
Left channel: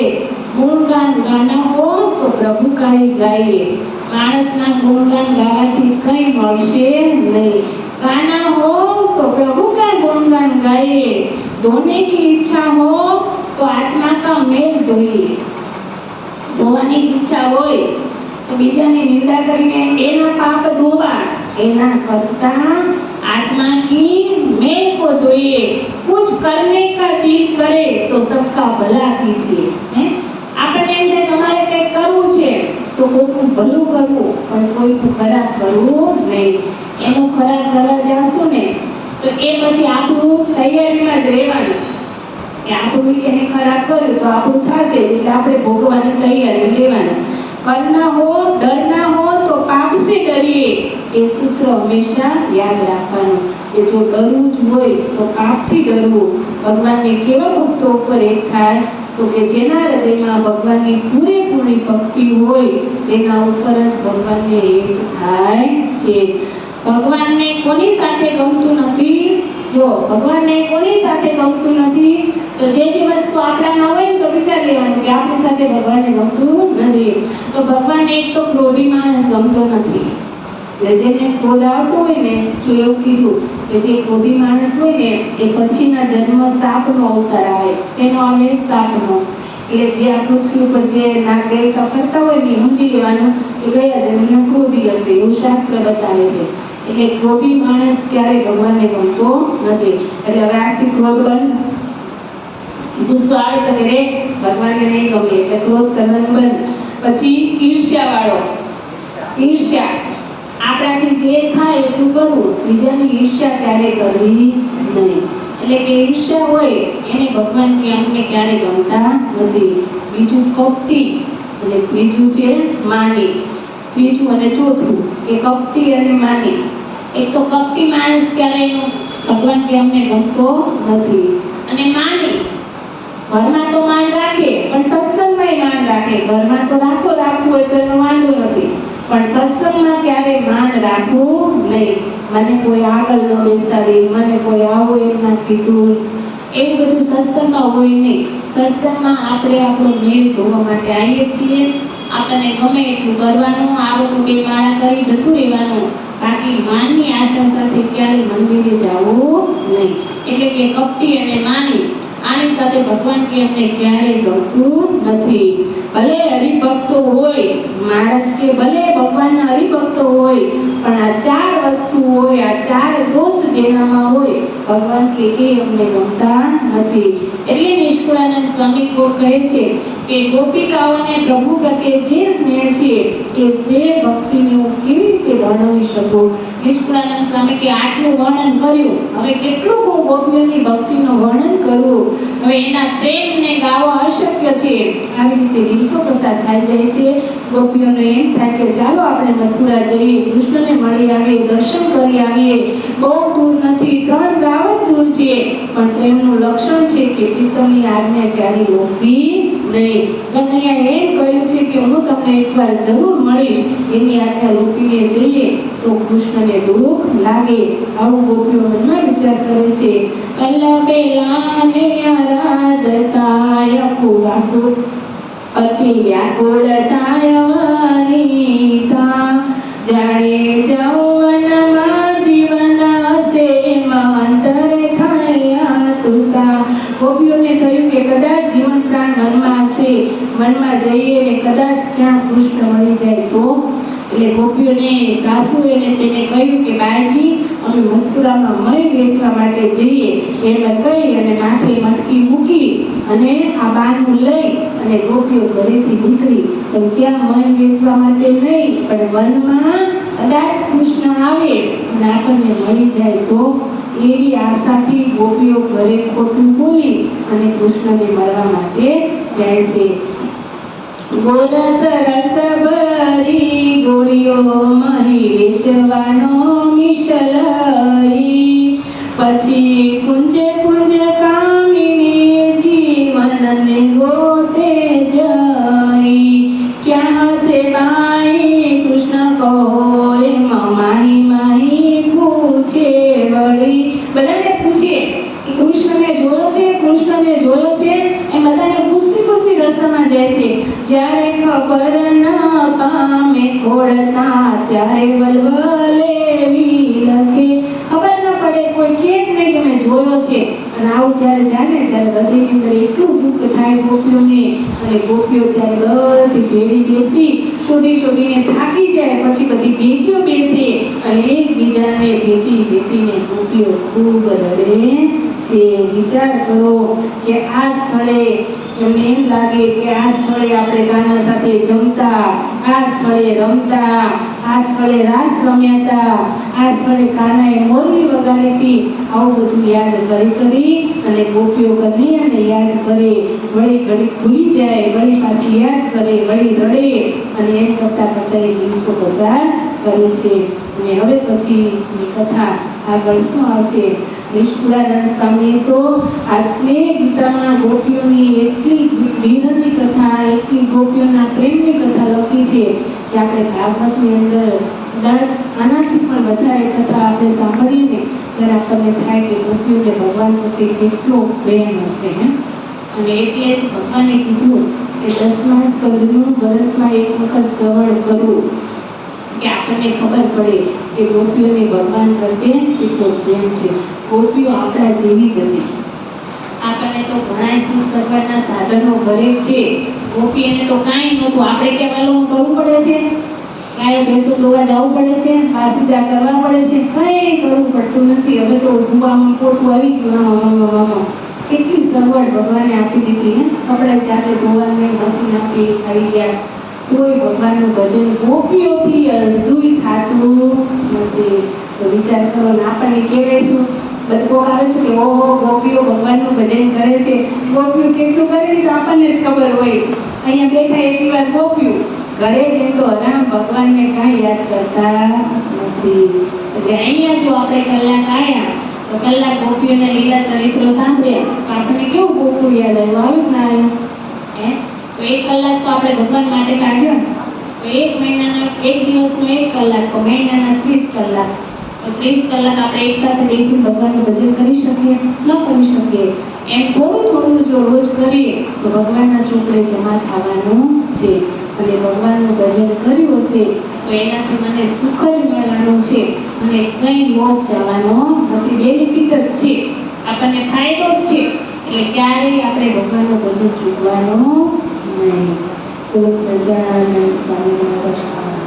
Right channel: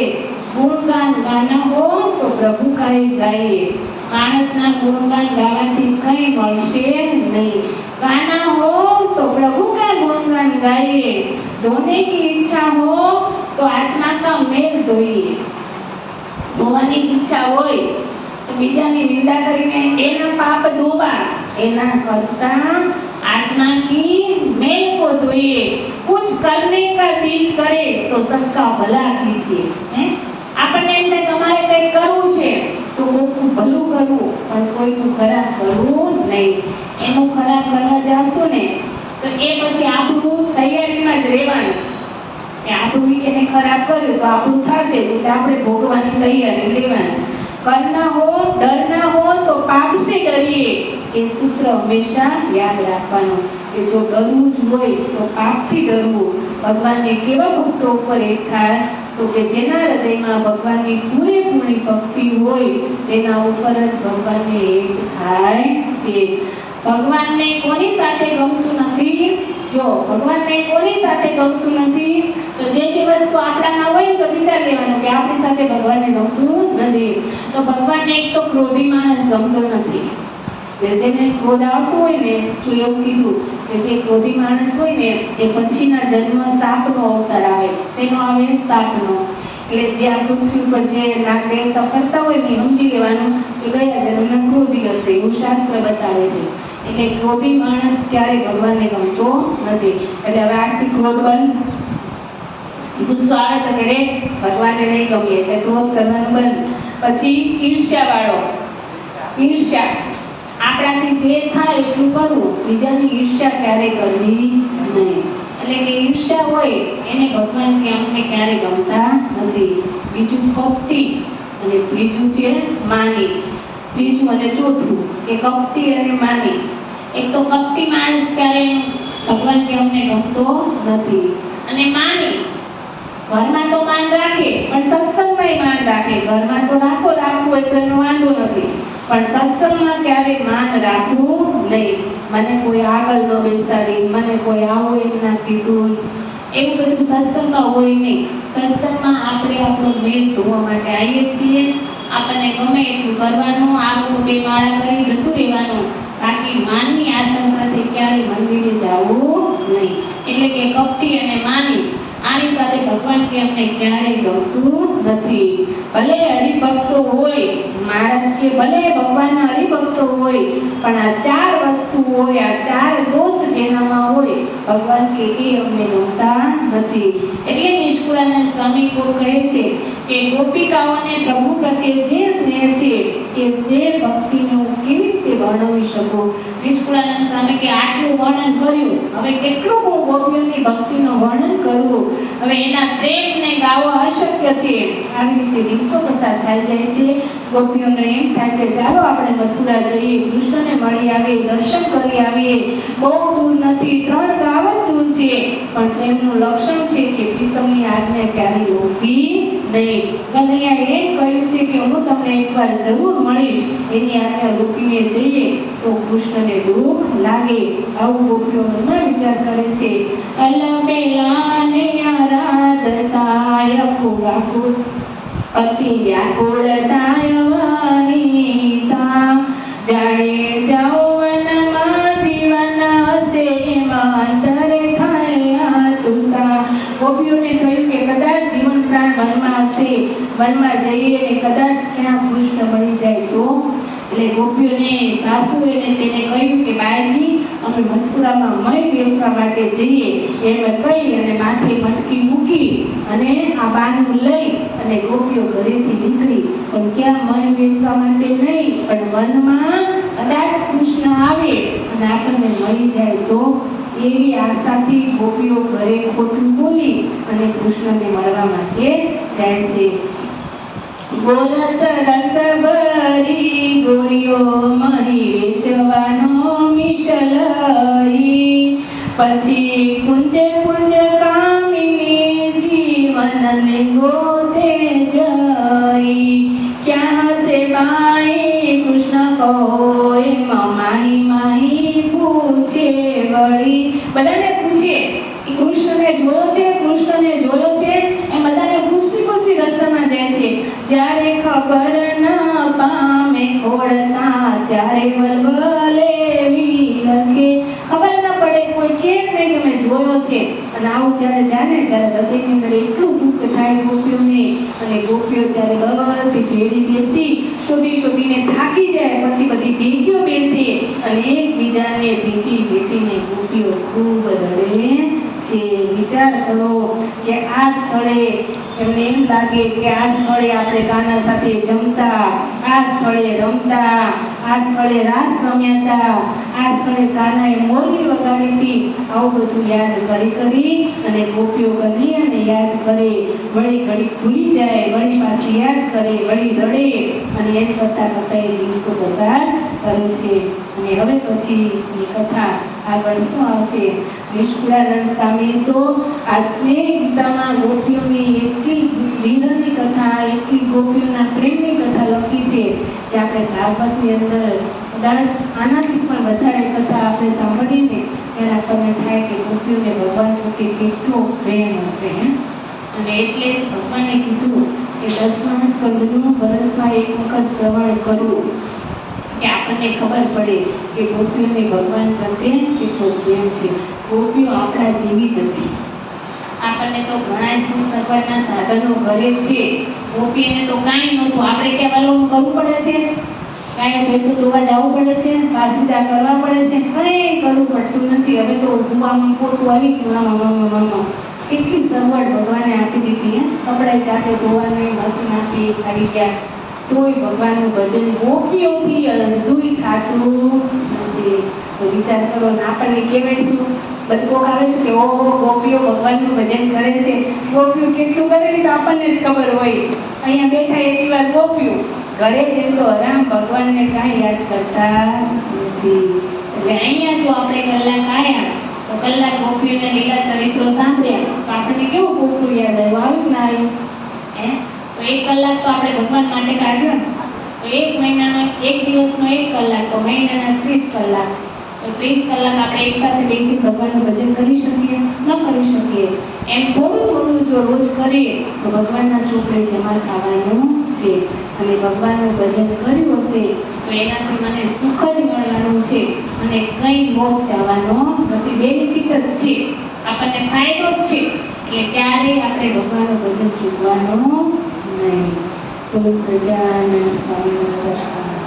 गुणगान गाना हो तो प्रभु का ही गाइए। मानसना गुणगान गावाથી કઈ મળશે નહીં। गाना हो तो प्रभु का गुणगान गाइए। धोने की इच्छा हो तो आत्मा का मेल धोइए। ધોવાની ઈચ્છા હોય તો બીજાની નિંદા કરીને એના પાપ ધોવા, એના કરતા आत्मा की मेल को धोइए। कुछ करने का दिल करे तो सबका भला कीजिए। हैं આપણને એમ થાય તમારે કંઈક કરવું છે તો કોઈનું ભલું કરવું, પણ કોઈનું ખરાબ કરવું નહીં। એનું ખરાબ કરવા જાશું ને તો એ પછી આપણું તૈયારીમાં જ રહેવાનું કે આપણું એને ખરાબ કર્યું તો આપણું થશે, એટલે આપણે ભોગવાની તૈયારી લેવાની। करना हो डरना हो तो पाप से डरिए। ये सूत्र हमेशा याद रखવાનું કે જો ડરવું જ હોય તો પાપથી ડરવું। ભગવાનને કેવા ભક્તો ઉપર એક થાય તો કે જેના હૃદયમાં ભગવાનની પૂરેપૂરી ભક્તિ હોય તેના ઉપર જ ભગવાનને એક થાય છે। ભગવાનને કોની સાથે ગમતું નથી? જો ભગવાનને કોની સાથે ગમતું નથી તો જે વસ્તુ આપણામાં હોય તો વિચાર લેવાનું કે આપણી સાથે ભગવાનને ગમતું નથી। તો ભગવાનને એક તો ક્રોધી માણસ ગમતો નથી। જેને ક્રોધ આવતો હોય ને, જો એવું કીધું કે જે ક્રોધી માણસ હોય ને એ પછીના જન્મ સાપનો અવતાર આવે। તેનો આવે સાપનો, એટલે જે આ પૃથ્વી ઉપર જે નાગ દેવતા ફરતા હોય ને સમજી લેવાનું કે ગયા જન્મમાં ક્રોધી હશે, એવું શાસ્ત્ર બતાવે છે। એટલે ક્રોધી માણસ ક્યારે ભગવાનને ગમતો નથી। એટલે હવે આજથી ક્રોધ બંધ। ગુસ્સો આવે તો કે રે ભગવાનને નહીં ગમે એટલે ક્રોધ કરવાનું બંધ। પછી ઈર્ષ્યા વાળો, ઈર્ષ્યા આપણાથી જે થાય એટલું કરવું, બીજાની ઈર્ષ્યા ક્યારે કરવી નહીં। એટલે કે ઈર્ષ્યા હોય એને ભગવાન કે અમને ક્યારે ગમતા નથી। બીજું કપટી અને ત્રીજું છે માની। ત્રીજું અને ચોથું કે કપટી અને માની। એક તો કપટી માણસ ક્યારે ભગવાન કે અમને ગમતો નથી। અને માની ઘરમાં તો માન રાખે પણ સત્સંગમાં માન રાખે। ઘરમાં તો રાખવું એ તો એનો વાંધો નથી, પણ સત્સંગમાં ક્યારે માન રાખવું નહીં। મને કોઈ આગળ ન બેસાડી, મને કોઈ આવો એમ ના કીધું, એવું બધું સત્સંગમાં હોય નહીં। સત્સંગમાં આપણે આપણો મેલ ધોવા માટે આવીએ છીએ। આપણને ગમે એટલું કરવાનું, આવડું બે માળા કરી જતું રહેવાનું, બાકી માનની આશા સાથે ક્યારે મંદિરે જવું નહીં। એટલે કે કપટી અને માની આની સાથે ભગવાન કે અમને ક્યારે ગમતું નથી। ભલે હરિભક્તો હોય, મહારાજ કે ભલે ભગવાનના હરિભક્તો હોય, પણ આ ચાર વસ્તુ હોય, આ ચાર દોષ જેનામાં હોય ભગવાન કે એ અમને ગમતા નથી। એટલે નિષ્કુળાનંદ સ્વામી કહે છે કે ગોપિકાઓને પ્રભુ પ્રત્યે જે સ્નેહ છે એ સ્નેહ ભક્તિને હું કેવી રીતે વર્ણવી શકું। નિષ્કુળાનંદ સ્વામી કે આટલું વર્ણન કર્યું, હવે કેટલું હું ગોપીઓની ભક્તિનું વર્ણન કરું, હવે એના પ્રેમને ગાવો અશક્ય છે। આવી રીતે દિવસો પસાર થઈ જાય છે। ગોપીઓને એમ થાય કે ચાલો આપણે મથુરા જઈએ, કૃષ્ણને મળી આવીએ, દર્શન કરી આવીએ। બહુ દૂર નથી, 3 ગાવ જ દૂર છે, પણ તેમનું લક્ષણ છે કે પ્રીતમની આજ્ઞા ક્યારે રોકવી નહીં। કનૈયા એમ કહ્યું છે કે હું તમને એકવાર જરૂર મળીશ, એની આજ્ઞા રોકીને જઈએ તો કૃષ્ણને દુઃખ લાગે। આવું ગોપીઓ મનમાં વિચાર કરે છે। અલબેલાય પુરાકુ અતિ વ્યાકુળતાય વનિતા જાણે જૌવનમાં જીવન હશે મંતર થયા તુકા। ગોપીઓને થયું કે કદાચ જીવન પ્રાણ વનમાં હશે, વનમાં જઈએ ને કદાચ ક્યાં કૃષ્ણ મળી જાય તો। એટલે ગોપીઓને સાસુએ તેને કહ્યું કે બાઈજી અમે મથુરામાં મય વેચવા માટે જઈએ એમ કહી અને માથે મટકી મૂકી અને આ બાનું લઈ અને ગોપીઓ ઘરેથી નીકળી। પણ ક્યાં મય વેચવા માટે નહીં, પણ વનમાં કદાચ કૃષ્ણ આવે અને આપણને મળી જાય તો, એવી આશાથી ગોપીઓ ઘરે ખોટું બોલી અને કૃષ્ણને મળવા માટે જાય છે। ગોરસ રસ ભરી ગોળીઓ મહી વેચવાનો મિશલઈ, પછી કુંજે કુંજ કામિની જીવનને ગોતે જઈ। ક્યાં હશે બાઈ કૃષ્ણ કહો એમ માહી માહી પૂછે વળી। બધાને પૂછે કૃષ્ણને ખોળતા ત્યારે વલવલે લખે. ખબર ન પડે, કોઈ કે નહીં તમે જોયો છે. અને આવું જ્યારે જાય ને ત્યારે હૃદયની અંદર એટલું દુઃખ થાય ગોપીઓને. અને ગોપીઓ ત્યારે બધી ભેળી બેસી શોધીને થાકી જાય, પછી બધી ભેગીઓ બેસે અને એકબીજાને ભેટીને ગોપીઓ ખૂબ રડે છે. વિચાર કરો કે આ સ્થળે એમને એમ લાગે કે આ સ્થળે આપણે કાના સાથે જમતા, આ સ્થળે રમતા, આ સ્થળે રાસ રમ્યા હતા, આ સ્થળે કાનાએ મોરલી વગાડી હતી. આવું બધું યાદ કરી અને ગોપીઓ કન્હૈયાને યાદ કરે, વળી ઘડી ભૂલી જાય, વળી પાછી યાદ કરે, વળી રડે અને એમ કરતા એ દિવસો પસાર કરે છે. અને હવે પછીની કથા આગળ શું આવશે? નિષ્કુળાનંદ સ્વામી તો આ સ્નેહ ગીતામાં ગોપીઓની એટલી વિરહની કથા, એટલી ગોપીઓના પ્રેમની કથા લખી છે કે આપણે ભાગવતની અંદર કદાચ આનાથી પણ વધારે કથા આપણે સાંભળીએ ને ત્યારે આપણને થાય કે ગોપીઓને ભગવાન પ્રત્યે કેટલો પ્રેમ હશે. અને એટલે જ ભગવાને કીધું કે 10મા સ્કંદનું વર્ષમાં એક વખત શ્રવણ કરવું, કે આપણને ખબર પડે કે ગોપીઓને ભગવાન પ્રત્યે કેટલો પ્રેમ છે. ગોપીઓ આપણા જેવી જ હતી. આપણને તો ઘણા સગવડના સાધનો ઘરે છે, ગોપીઓને તો કાંઈ નહોતું. આપણે કહેવાનું કરવું પડે છે, ગાયો ભેંસો ધોવા જવું પડે છે, વાસીદા કરવા પડે છે, કંઈ કરવું પડતું નથી. હવે તો ધોવામાં પોતું આવી ગયું. કેટલી સગવડ ભગવાને આપી દીધી. કપડાં જાતે ધોવાની મશીન આપી આવી ગયા, તોય ભગવાનનું ભજન ગોપીઓથી અધૂરું થતું નથી. તો વિચાર કરો ને, આપણને કહેવાય શું? બધું આવે છે કે ઓહો ગોપીઓ ભગવાનનું ભજન કરે છે. ગોપીઓ કેટલું કરે તો આપણને જ ખબર હોય. અહીંયા બેઠા એટલી વાર ગોપીઓ, ઘરે જઈને તો રામ ભગવાનને કાંઈ યાદ કરતા નથી. એટલે અહીંયા જો આપણે કલાક આવ્યા તો કલાક ગોપીઓના લીલા ચરિત્રો સાંભળ્યા તો આપણને કેવું ગોકુળ યાદ આવ્યું ના આવ્યું? તો 1 કલાક તો આપણે ભગવાન માટે કાઢ્યો ને. તો 1 મહિનાનો 1 દિવસનો 1 કલાક, તો મહિનાના 30 કલાક. તો 30 કલાક આપણે એકસાથે બેસી ભગવાનનું ભજન કરી શકીએ? ન કરી શકીએ. એમ થોડું જો રોજ કરીએ તો ભગવાનના ચોપડે જમા થવાનું છે. અને ભગવાનનું ભજન કર્યું હશે તો એનાથી મને સુખ જ મળવાનું છે અને કંઈ લોસ જવાનો નથી. બેનિફિટ જ છે, આપણને ફાયદો જ છે. એટલે ક્યારેય આપણે ભગવાનનું ભજન ચૂકવાનું નહીં. બોલો સજાનંદ સ્વામી મહારાજ.